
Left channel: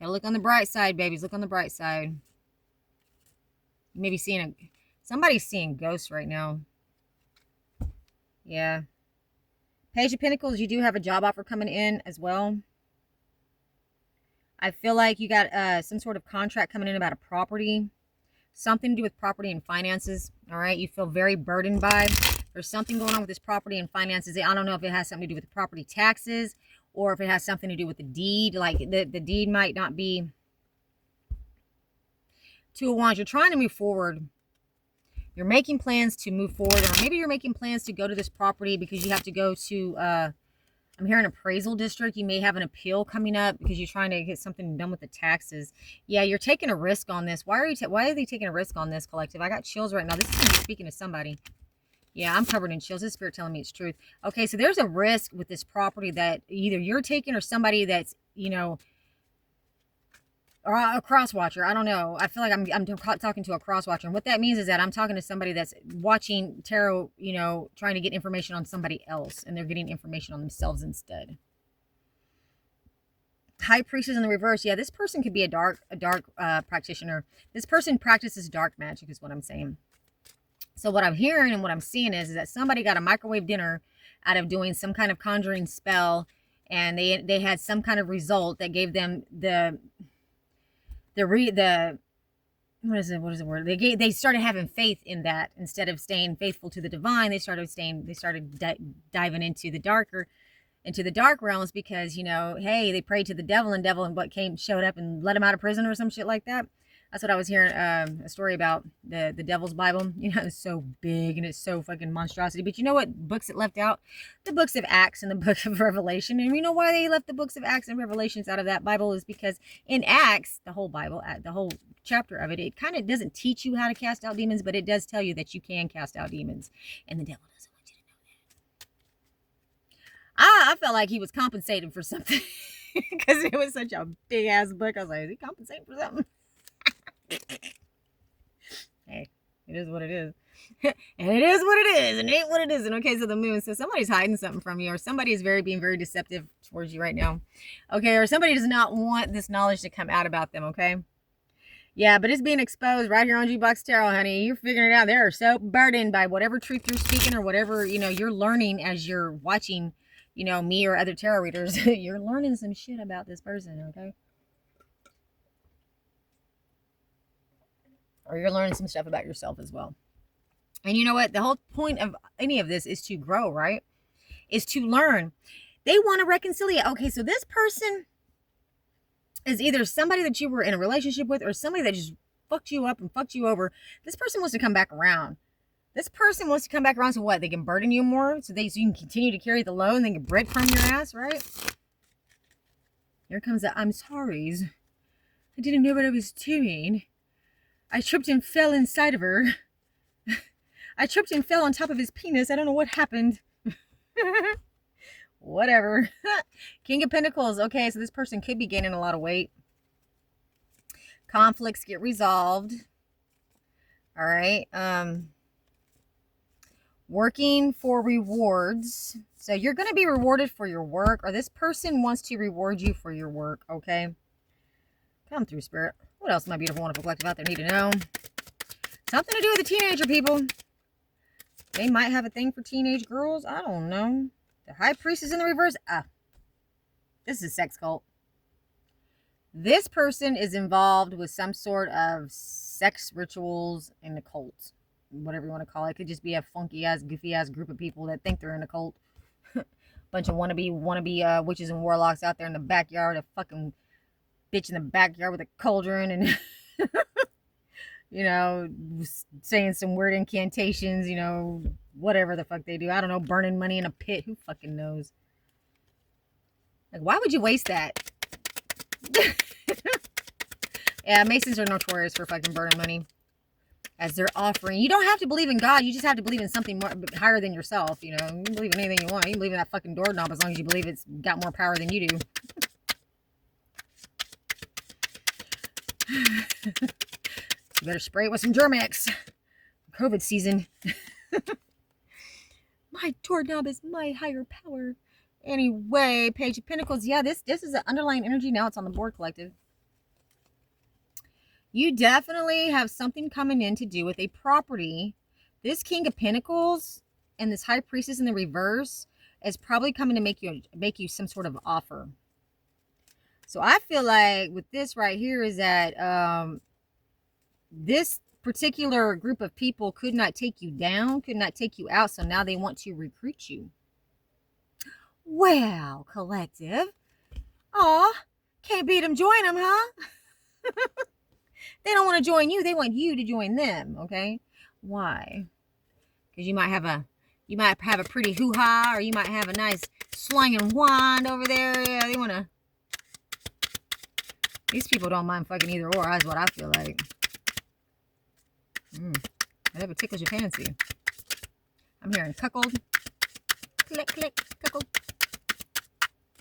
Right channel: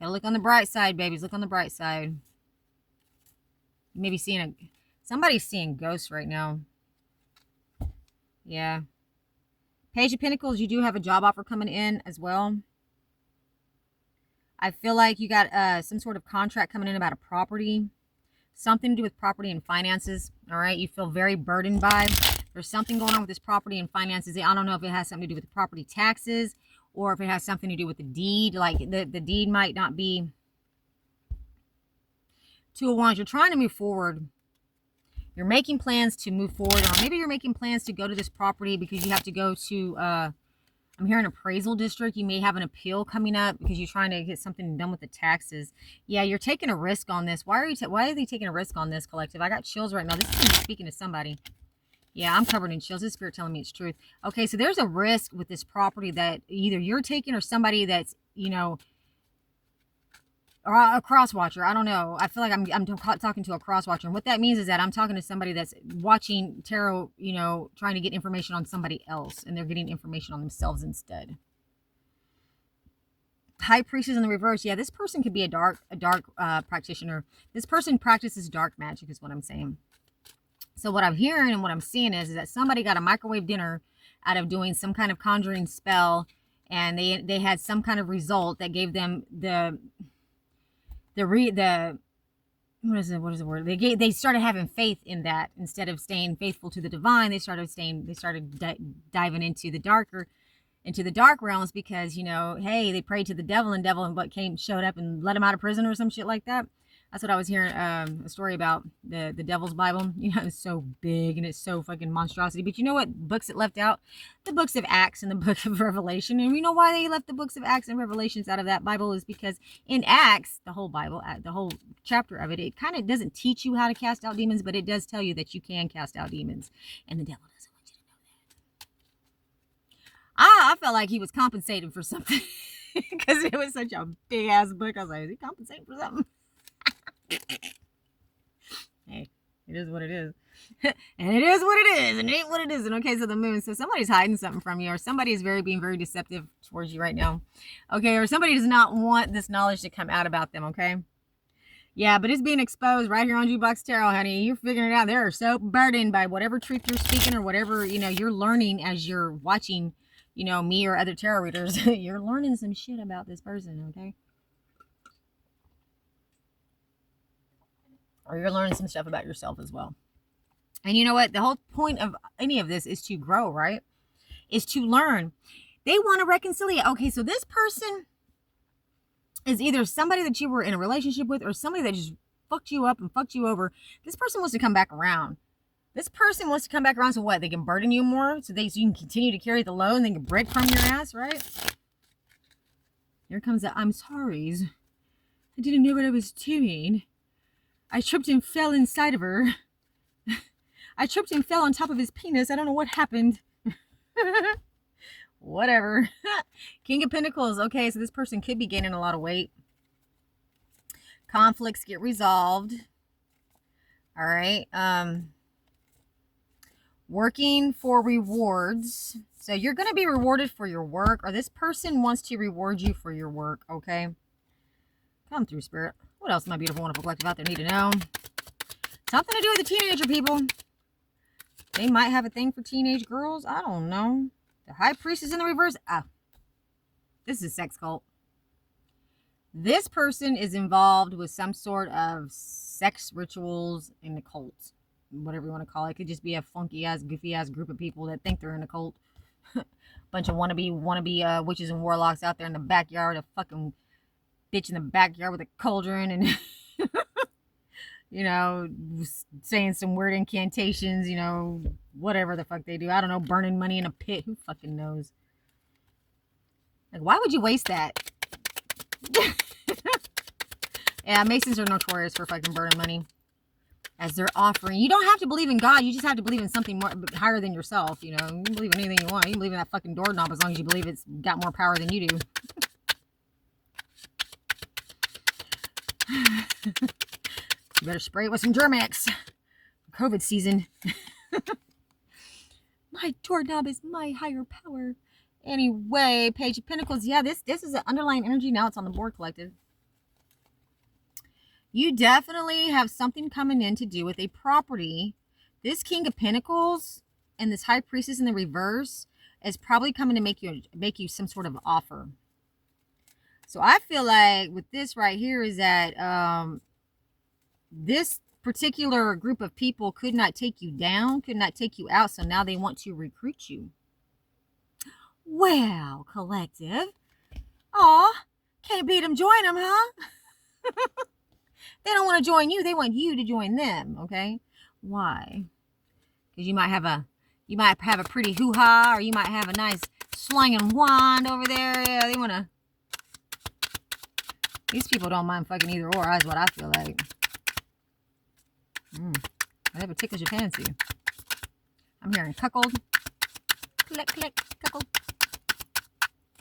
look on the bright side, babies. Look on the bright side. Maybe somebody's seeing ghosts right now. Yeah. Page of Pentacles, you do have a job offer coming in as well. I feel like you got some sort of contract coming in about a property. Something to do with property and finances. All right. You feel very burdened by. There's something going on with this property and finances. I don't know if it has something to do with the property taxes or if it has something to do with the deed. Like the deed might not be. Two of Wands. You're trying to move forward. You're making plans to move forward, or maybe you're making plans to go to this property because you have to go to, I'm hearing appraisal district. You may have an appeal coming up because you're trying to get something done with the taxes. Yeah, you're taking a risk on this. Why are they taking a risk on this, collective? I got chills right now. This is going to be speaking to somebody. Yeah, I'm covered in chills. This spirit telling me it's truth. Okay, so there's a risk with this property that either you're taking or somebody that's, you know, or a cross watcher. I don't know. I feel like I'm talking to a cross watcher. And what that means is that I'm talking to somebody that's watching tarot, you know, trying to get information on somebody else. And they're getting information on themselves instead. High Priestess in the reverse. Yeah, this person could be a dark practitioner. This person practices dark magic is what I'm saying. So what I'm hearing and what I'm seeing is that somebody got a microwave dinner out of doing some kind of conjuring spell. And they had some kind of result that gave them what is the word? They started having faith in that instead of staying faithful to the divine. They started diving into the dark realms because, you know, hey, they prayed to the devil and what showed up and let him out of prison or some shit like that. That's what I was hearing a story about the Devil's Bible. You know, it's so big and it's so fucking monstrosity. But you know what books it left out? The books of Acts and the book of Revelation. And you know why they left the books of Acts and Revelations out of that Bible is because in Acts, the whole Bible, the whole chapter of it, it kind of doesn't teach you how to cast out demons, but it does tell you that you can cast out demons. And the devil doesn't want you to know that. I felt like he was compensating for something because it was such a big ass book. I was like, is he compensating for something? Hey, it is what it is. And it is what it is, and it ain't what it isn't. Okay, so the moon. So somebody's hiding something from you, or somebody is being very deceptive towards you right now. Okay, or somebody does not want this knowledge to come out about them, okay? Yeah, but it's being exposed right here on Jukebox Tarot, honey. You're figuring it out. They're so burdened by whatever truth you're speaking or whatever, you know, you're learning as you're watching, you know, me or other tarot readers. You're learning some shit about this person, okay? Or you're learning some stuff about yourself as well. And you know what? The whole point of any of this is to grow, right? Is to learn. They want to reconcile. Okay, so this person, is either somebody that you were in a relationship with or somebody that just fucked you up and fucked you over. This person wants to come back around. This person wants to come back around so what? They can burden you more so you can continue to carry the load and they can break from your ass, right? Here comes the I'm sorry's. I didn't know what I was doing. I tripped and fell inside of her. I tripped and fell on top of his penis. I don't know what happened. Whatever. King of Pentacles. Okay, so this person could be gaining a lot of weight. Conflicts get resolved. All right. Working for rewards. So you're going to be rewarded for your work, or this person wants to reward you for your work, okay? Come through, Spirit. What else, my beautiful, wonderful collective out there need to know? Something to do with the teenager, people. They might have a thing for teenage girls. I don't know. The High Priestess in the reverse. Ah, this is a sex cult. This person is involved with some sort of sex rituals in the cult. Whatever you want to call it. It could just be a funky-ass, goofy-ass group of people that think they're in a cult. Bunch of wannabe witches and warlocks out there in the backyard. A fucking bitch in the backyard with a cauldron and... you know, saying some weird incantations, you know, whatever the fuck they do. I don't know, burning money in a pit. Who fucking knows? Like, why would you waste that? Yeah, Masons are notorious for fucking burning money as their offering. You don't have to believe in God. You just have to believe in something more higher than yourself, you know. You can believe in anything you want. You can believe in that fucking doorknob as long as you believe it's got more power than you do. You better spray it with some Germ-X. COVID season. My doorknob is my higher power. Anyway, Page of Pentacles. Yeah, this is an underlying energy. Now it's on the board, collective. You definitely have something coming in to do with a property. This King of Pentacles and this High Priestess in the reverse is probably coming to make you some sort of offer. So I feel like with this right here is that this particular group of people could not take you down, could not take you out, so now they want to recruit you. Wow, collective. Aw, can't beat them, join them, huh? They don't want to join you, they want you to join them, okay? Why? Because you might have a pretty hoo-ha, or you might have a nice slinging wand over there. Yeah, they want to... These people don't mind fucking either or, that's what I feel like. Whatever tickles your fancy. I'm hearing cuckold. Click, click, cuckold.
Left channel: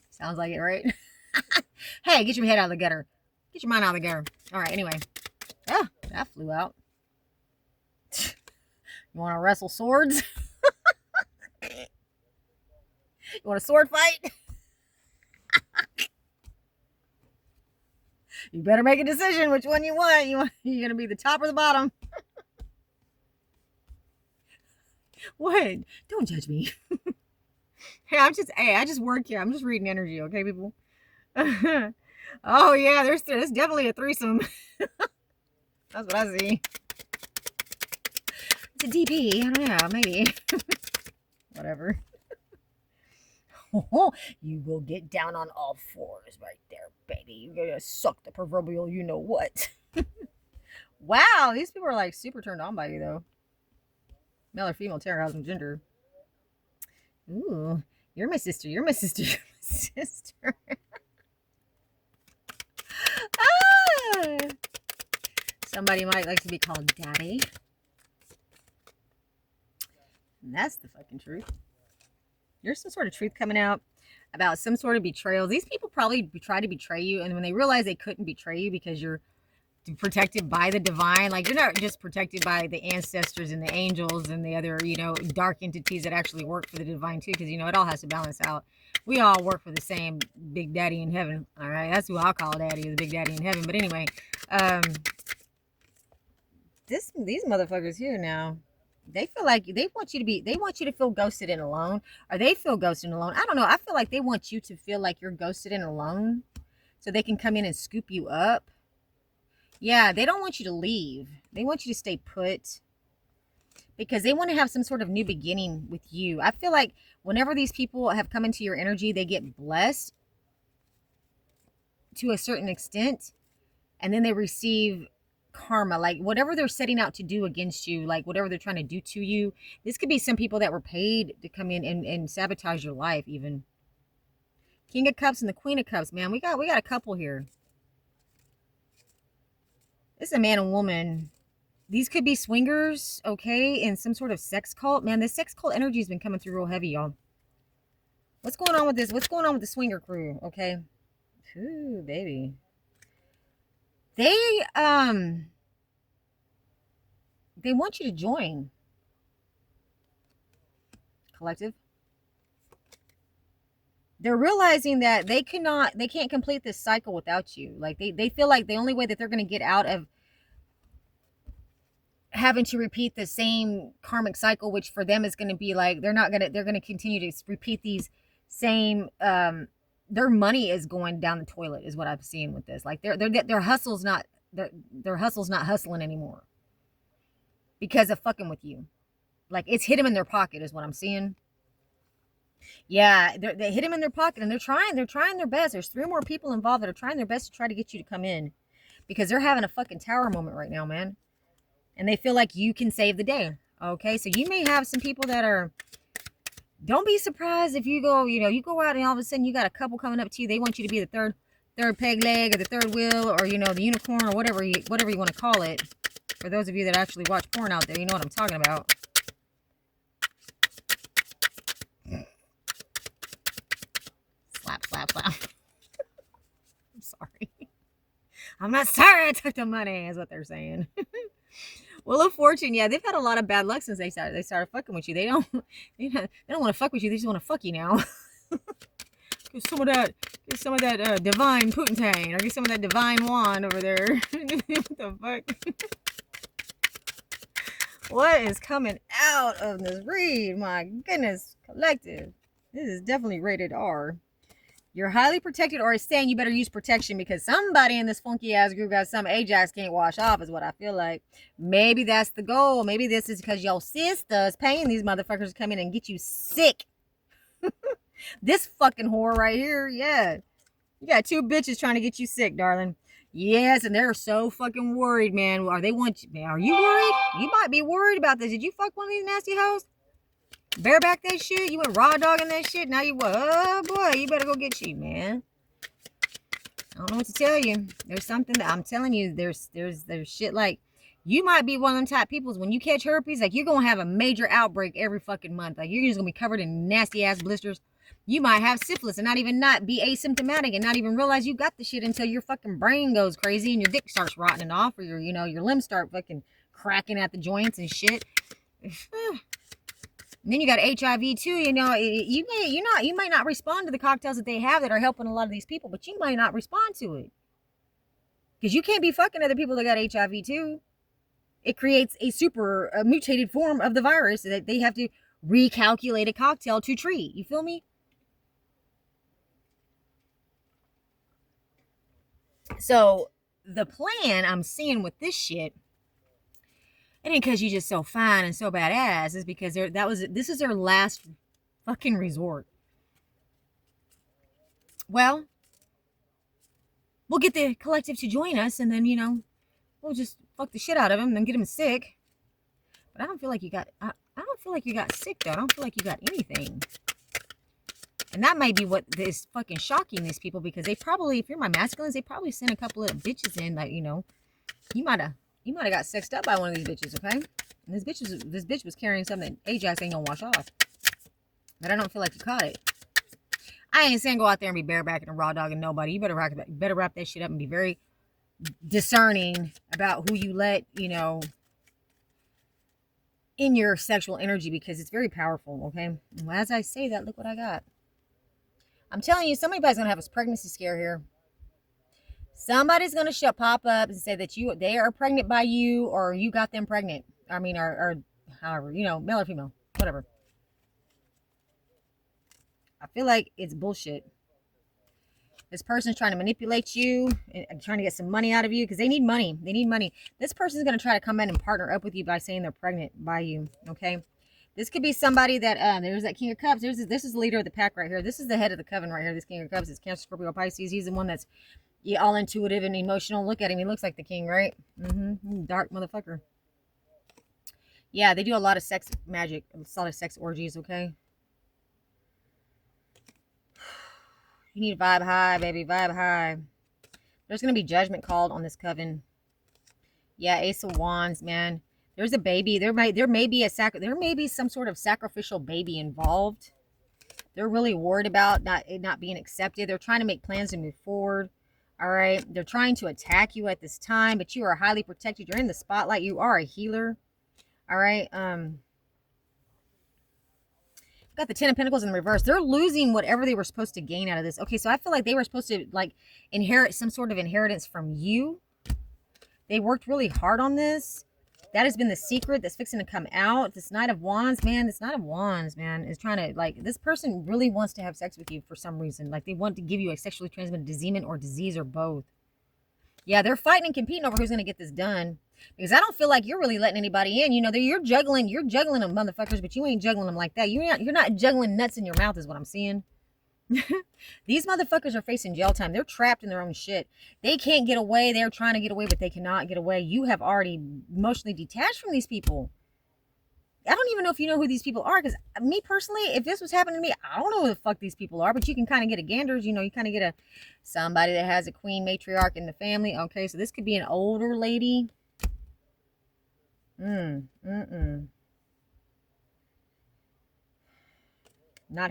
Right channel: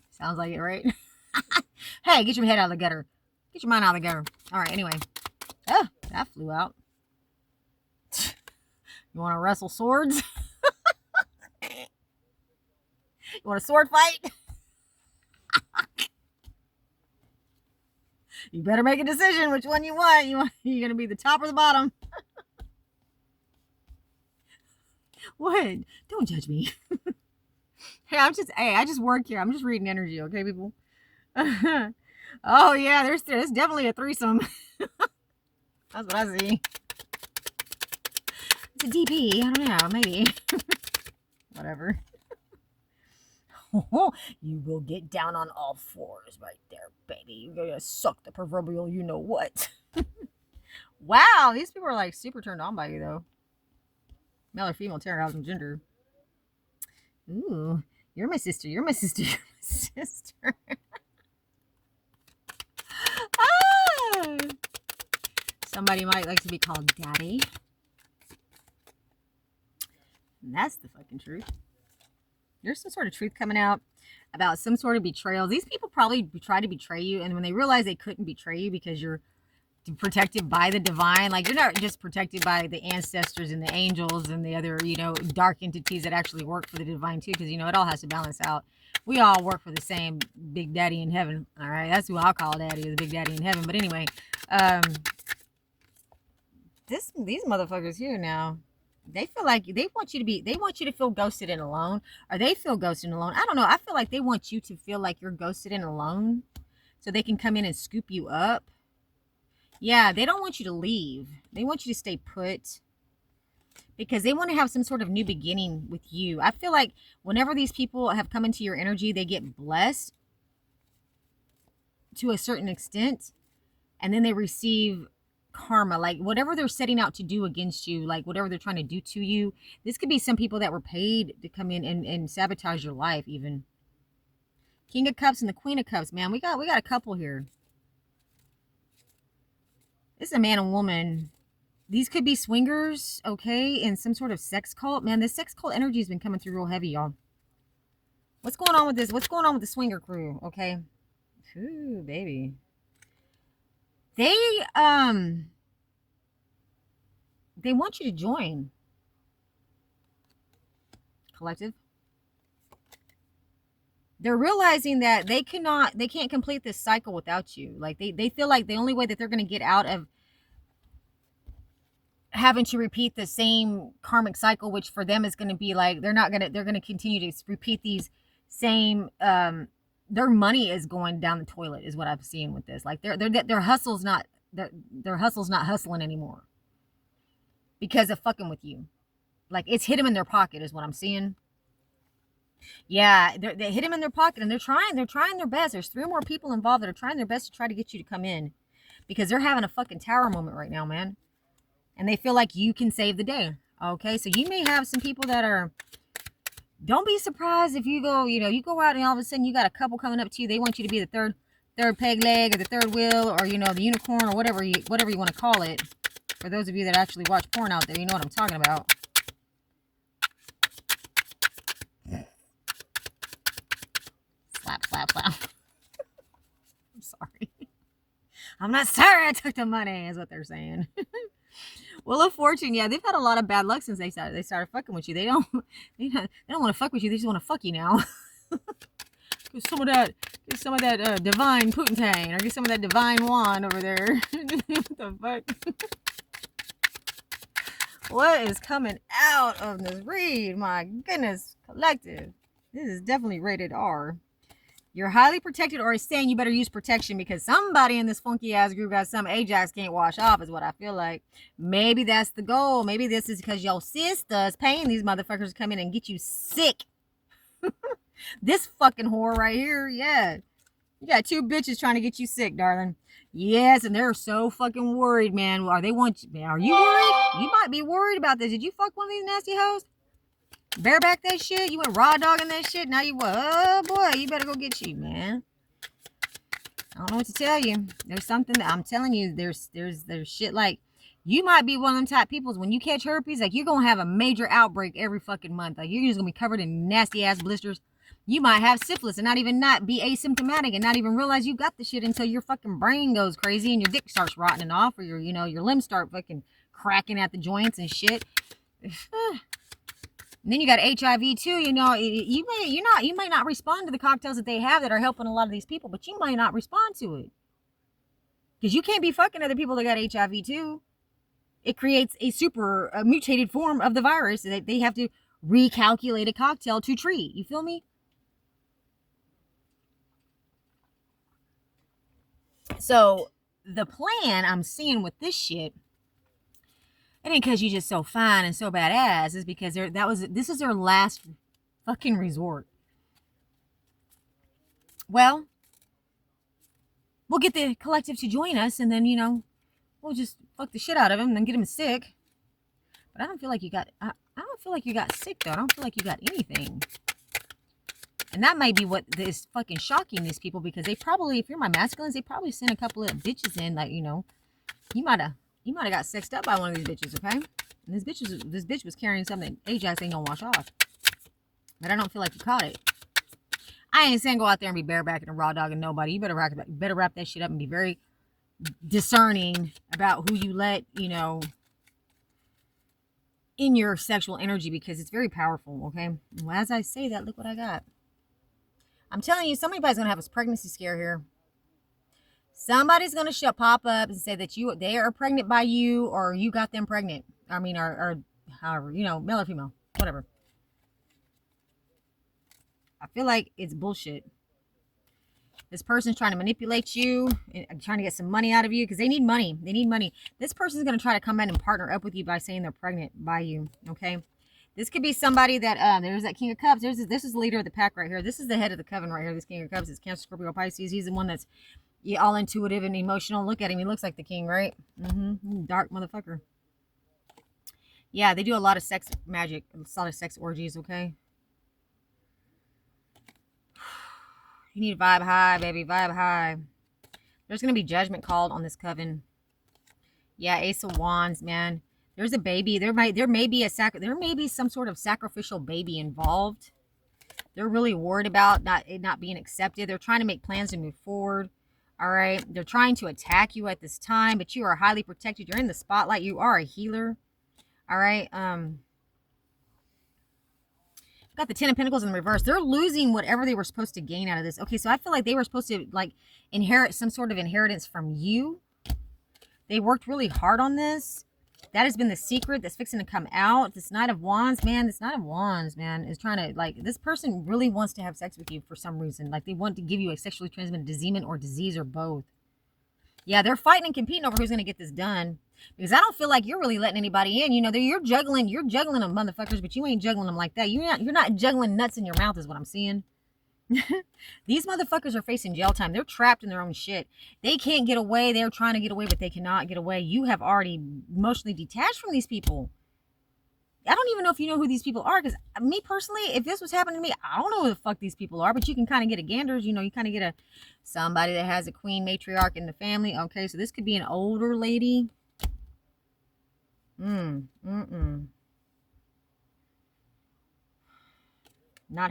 Sounds like it, right? Hey, get your head out of the gutter. Get your mind out of the gutter. All right, anyway. Oh, that flew out. You want to wrestle swords? You want a sword fight? You better make a decision which one you want. You're going to be the top or the bottom. What? Don't judge me. Hey, I just work here. I'm just reading energy, okay, people? Oh, yeah, there's definitely a threesome. That's what I see. It's a DP. I don't know. Maybe. Whatever. You will get down on all fours right there, baby. You're going to suck the proverbial you-know-what. Wow, these people are, like, super turned on by you, though. Male or female, terrorizing gender. Ooh, you're my sister. You're my sister. You're my sister. Ah! Somebody might like to be called daddy. And that's the fucking truth. There's some sort of truth coming out about some sort of betrayal. These people probably try to betray you, and when they realize they couldn't betray you because you're protected by the divine, like you're not just protected by the ancestors and the angels and the other, you know, dark entities that actually work for the divine too, because you know it all has to balance out. We all work for the same big daddy in heaven. All right, that's who I'll call daddy, the big daddy in heaven. But anyway, these motherfuckers here now, they feel like they want you to feel ghosted and alone, or they feel ghosted and alone. I don't know. I feel like they want you to feel like you're ghosted and alone so they can come in and scoop you up. Yeah, they don't want you to leave. They want you to stay put because they want to have some sort of new beginning with you. I feel like whenever these people have come into your energy, they get blessed. to a certain extent, and then they receive karma, like whatever they're setting out to do against you, like whatever they're trying to do to you. This could be some people that were paid to come in and sabotage your life even. King of Cups and the Queen of Cups, man. We got a couple here. This is a man and woman. These could be swingers, okay, in some sort of sex cult. Man, this sex cult energy has been coming through real heavy, y'all. What's going on with this? What's going on with the swinger crew, okay? Ooh, baby. They want you to join. Collective. They're realizing that they can't complete this cycle without you. Like they feel like the only way that they're going to get out of having to repeat the same karmic cycle, which for them is going to be like they're going to continue to repeat these same their money is going down the toilet is what I'm seeing with this. Like their hustle's not hustling anymore because of fucking with you. Like it's hit them in their pocket is what I'm seeing. Yeah, they hit them in their pocket and they're trying their best. There's 3 more people involved that are trying their best to try to get you to come in because they're having a fucking tower moment right now, man. And they feel like you can save the day. Okay, so you may have some people that are, don't be surprised if you go, you go out and all of a sudden you got a couple coming up to you. They want you to be the third peg leg or the third wheel or, the unicorn or whatever you want to call it. For those of you that actually watch porn out there, you know what I'm talking about. Slap, slap, slap. I'm sorry. I'm not sorry I took the money, is what they're saying. Wheel of Fortune, yeah, they've had a lot of bad luck since they started fucking with you. They don't want to fuck with you. They just want to fuck you now. Get some of that divine Putantane, or get some of that divine wand over there. What the fuck? What is coming out of this read? My goodness, collective. This is definitely rated R. You're highly protected, or it's saying you better use protection because somebody in this funky ass group got some Ajax can't wash off, is what I feel like. Maybe that's the goal. Maybe this is because your sister's paying these motherfuckers to come in and get you sick. This fucking whore right here, yeah. You got 2 bitches trying to get you sick, darling. Yes, and they're so fucking worried, man. Are you worried? You might be worried about this. Did you fuck one of these nasty hoes? Bareback that shit? You went raw dogging that shit? Now you what? Oh boy, you better go get you, man. I don't know what to tell you. There's something that I'm telling you, there's shit like you might be one of them type peoples when you catch herpes, like you're gonna have a major outbreak every fucking month. Like you're just gonna be covered in nasty ass blisters. You might have syphilis and not be asymptomatic and not even realize you got the shit until your fucking brain goes crazy and your dick starts rotting off or your limbs start fucking cracking at the joints and shit. And then you got HIV too. You might not respond to the cocktails that they have that are helping a lot of these people, but you might not respond to it because you can't be fucking other people that got HIV too. It creates a super mutated form of the virus that they have to recalculate a cocktail to treat. You feel me? So the plan I'm seeing with this shit, it ain't because you're just so fine and so badass, is because this is their last fucking resort. Well, we'll get the collective to join us, and then we'll just fuck the shit out of them and then get them sick. But I don't feel like you got. I don't feel like you got sick though. I don't feel like you got anything. And that might be what is fucking shocking these people, because they probably, if you're my masculines, they probably sent a couple of bitches in, like, you might have got sexed up by one of these bitches, okay? And this bitch was carrying something Ajax ain't gonna wash off. But I don't feel like you caught it. I ain't saying go out there and be barebacking and raw dogging nobody. You better wrap that shit up and be very discerning about who you let, in your sexual energy, because it's very powerful, okay? Well, as I say that, look what I got. I'm telling you, somebody's going to have a pregnancy scare here. Somebody's going to pop up and say that they are pregnant by you, or you got them pregnant. I mean, or however, male or female, whatever. I feel like it's bullshit. This person's trying to manipulate you and trying to get some money out of you because they need money. They need money. This person's going to try to come in and partner up with you by saying they're pregnant by you, okay? This could be somebody that, there's that King of Cups. This is the leader of the pack right here. This is the head of the coven right here. This King of Cups is Cancer, Scorpio, Pisces. He's the one that's Yeah, all intuitive and emotional. Look at him. He looks like the king, right? Dark motherfucker. Yeah, they do a lot of sex magic, a lot of sex orgies, okay? You need to vibe high, baby. Vibe high. There's going to be judgment called on this coven. Yeah, Ace of Wands, man. There's a baby. There may be some sort of sacrificial baby involved. They're really worried about it not being accepted. They're trying to make plans to move forward. All right. They're trying to attack you at this time, but you are highly protected. You're in the spotlight. You are a healer. All right. Got the Ten of Pentacles in the reverse. They're losing whatever they were supposed to gain out of this. Okay, so I feel like they were supposed to like inherit some sort of inheritance from you. They worked really hard on this. That has been the secret that's fixing to come out. This Knight of Wands, man, is trying to, like, this person really wants to have sex with you for some reason. Like, they want to give you a sexually transmitted disease or both. Yeah, they're fighting and competing over who's going to get this done. Because I don't feel like you're really letting anybody in. You know, you're juggling them motherfuckers, but you ain't juggling them like that. You're not juggling nuts in your mouth is what I'm seeing. These motherfuckers are facing jail time. They're trapped in their own shit. They can't get away. They're trying to get away, but they cannot get away. You have already emotionally detached from these people. I don't even know if you know who these people are, because me personally, if this was happening to me, I don't know who the fuck these people are, but you can kind of get a ganders. You know, you kind of get somebody that has a queen matriarch in the family. Okay, so this could be an older lady. Not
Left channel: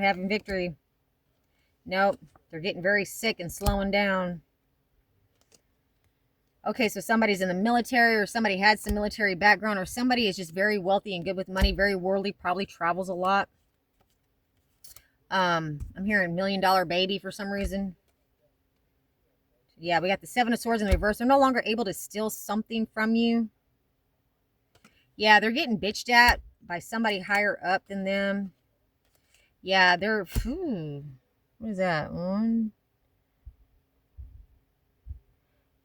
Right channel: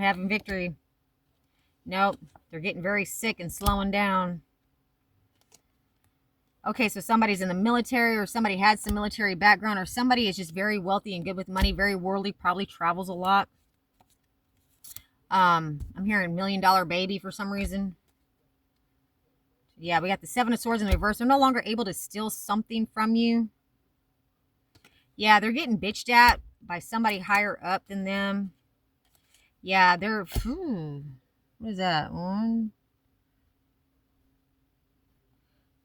having victory. Nope. They're getting very sick and slowing down. Okay, so somebody's in the military, or somebody had some military background, or somebody is just very wealthy and good with money, very worldly, probably travels a lot. I'm hearing $1 million baby for some reason. Yeah, we got the Seven of Swords in the reverse. They're no longer able to steal something from you. Yeah, they're getting bitched at by somebody higher up than them. Yeah, they're... what is that?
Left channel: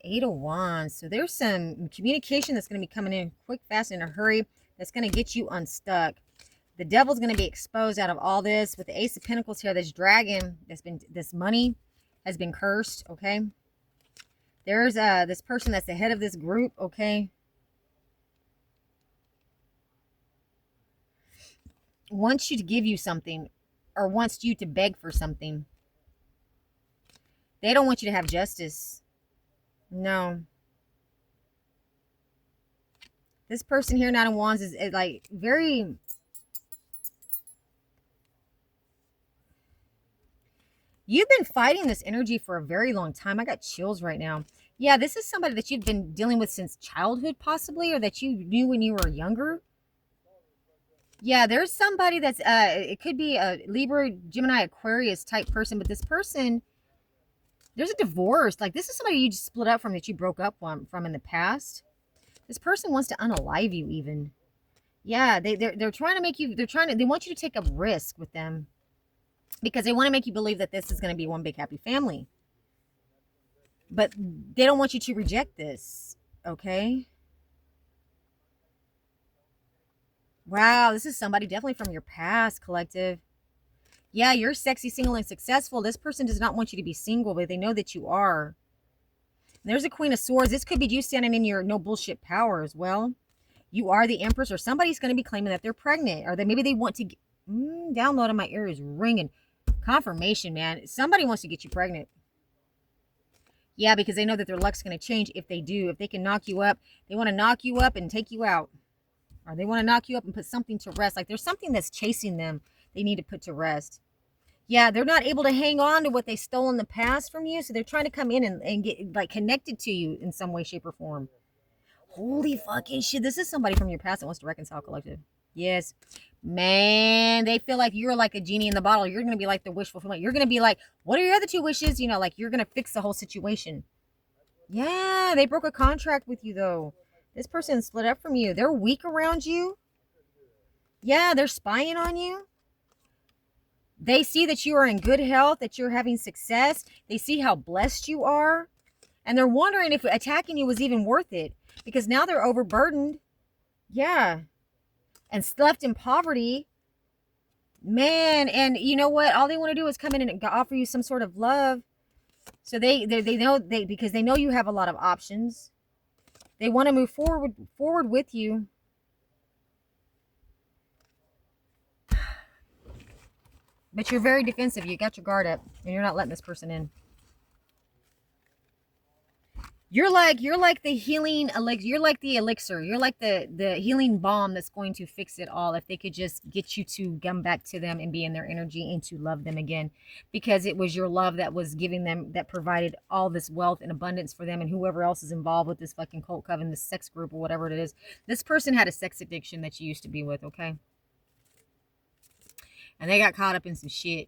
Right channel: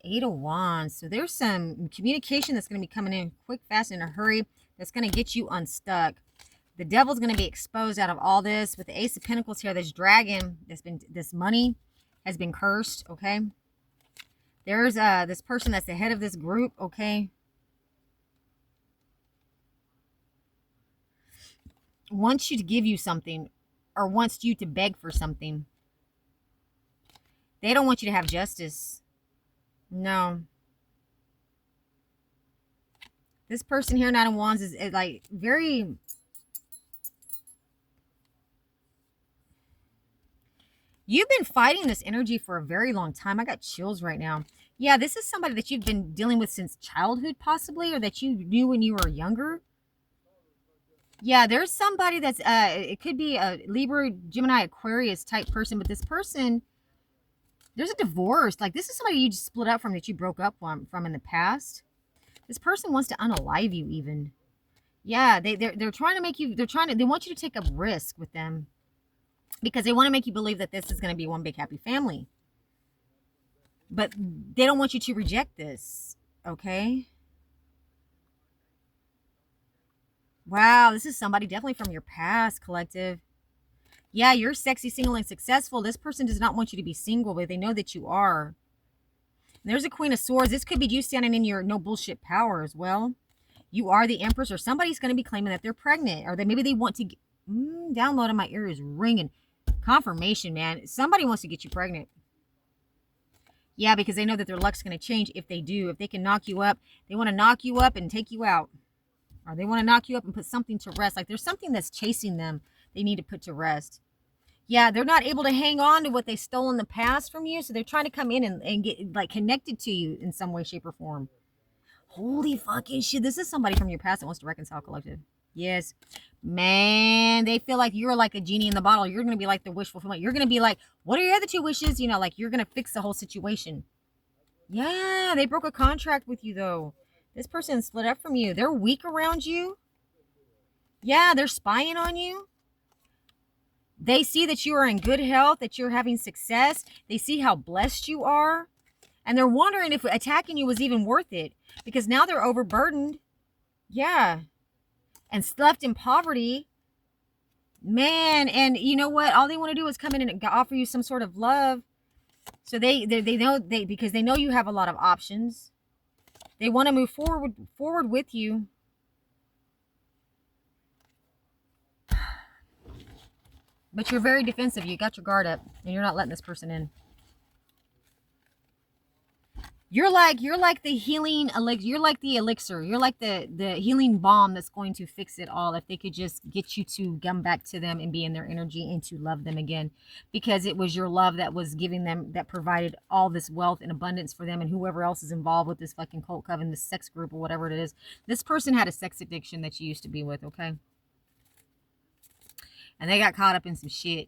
Eight of Wands. So there's some communication that's going to be coming in quick, fast, in a hurry. That's going to get you unstuck. The devil's going to be exposed out of all this. With the Ace of Pentacles here, this dragon, this money has been cursed, okay? There's this person that's the head of this group, okay? Wants you to give you something, or wants you to beg for something. They don't want you to have justice. No. This person here, Knight of Wands, is like very... You've been fighting this energy for a very long time. I got chills right now. Yeah, this is somebody that you've been dealing with since childhood, possibly, or that you knew when you were younger. Yeah, there's somebody that's, it could be a Libra, Gemini, Aquarius type person, but this person, there's a divorce. Like, this is somebody you just split up from, that you broke up from in the past. This person wants to unalive you even. Yeah, they're trying to make you, they want you to take a risk with them, because they want to make you believe that this is going to be one big happy family. But they don't want you to reject this, okay? Wow, this is somebody definitely from your past, collective. Yeah, you're sexy, single, and successful. This person does not want you to be single, but they know that you are. And there's a Queen of Swords. This could be you standing in your no bullshit power as well. You are the Empress, or somebody's going to be claiming that they're pregnant, or maybe they want to download in my ear is ringing. Confirmation, man. Somebody wants to get you pregnant. Yeah, because they know that their luck's going to change if they do. If they can knock you up, they want to knock you up and take you out. Or they want to knock you up and put something to rest. Like, there's something that's chasing them they need to put to rest. Yeah, they're not able to hang on to what they stole in the past from you, so they're trying to come in and get, like, connected to you in some way, shape, or form. Holy fucking shit. This is somebody from your past that wants to reconcile, collective. Yes. Man, they feel like you're like a genie in the bottle. You're going to be like the wish fulfillment. You're going to be like, what are your other two wishes? You know, like, you're going to fix the whole situation. Yeah, they broke a contract with you, though. This person split up from you. They're weak around you. Yeah, they're spying on you. They see that you are in good health, that you're having success. They see how blessed you are. And they're wondering if attacking you was even worth it, because now they're overburdened. Yeah. And left in poverty. Man, and you know what? All they want to do is come in and offer you some sort of love. So they know, because they know you have a lot of options. They want to move forward with you. But you're very defensive. You got your guard up and you're not letting this person in. You're like the healing elixir. You're like the elixir. You're like the healing balm that's going to fix it all. If they could just get you to come back to them and be in their energy and to love them again, because it was your love that was giving them, that provided all this wealth and abundance for them and whoever else is involved with this fucking cult coven, this sex group or whatever it is. This person had a sex addiction that you used to be with, okay? And they got caught up in some shit.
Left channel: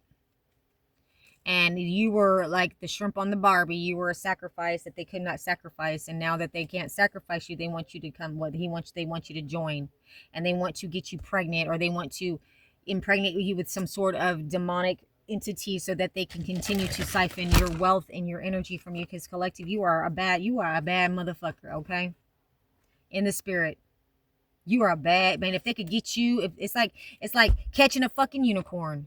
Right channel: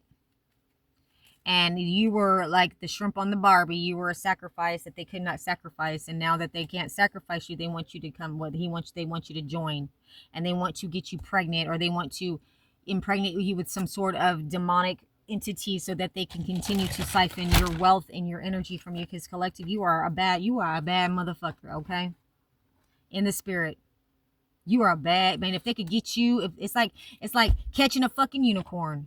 And you were like the shrimp on the Barbie. You were a sacrifice that they could not sacrifice, and now that they can't sacrifice you, they want you to come. What they want you to join, and they want to get you pregnant, or they want to impregnate you with some sort of demonic entity, so that they can continue to siphon your wealth and your energy from you. Because collective, you are a bad motherfucker. Okay, in the spirit. You are a bad man. If they could get you, if it's like catching a fucking unicorn.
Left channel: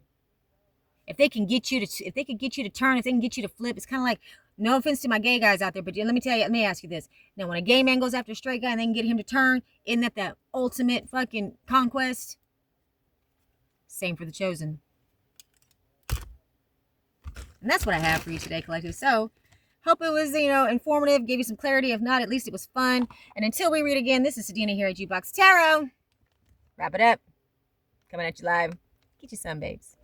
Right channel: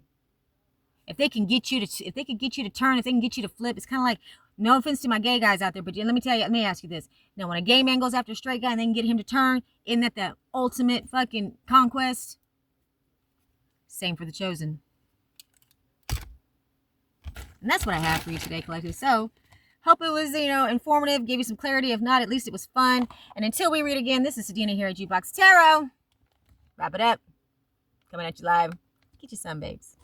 If they can get you to, if they can get you to turn, if they can get you to flip, it's kind of like, no offense to my gay guys out there, but let me ask you this. Now, when a gay man goes after a straight guy and they can get him to turn, isn't that the ultimate fucking conquest? Same for the chosen. And that's what I have for you today, collective. So, hope it was, informative, gave you some clarity. If not, at least it was fun. And until we read again, this is Sadina here at Jukebox Tarot. Wrap it up. Coming at you live. Get you some, babes.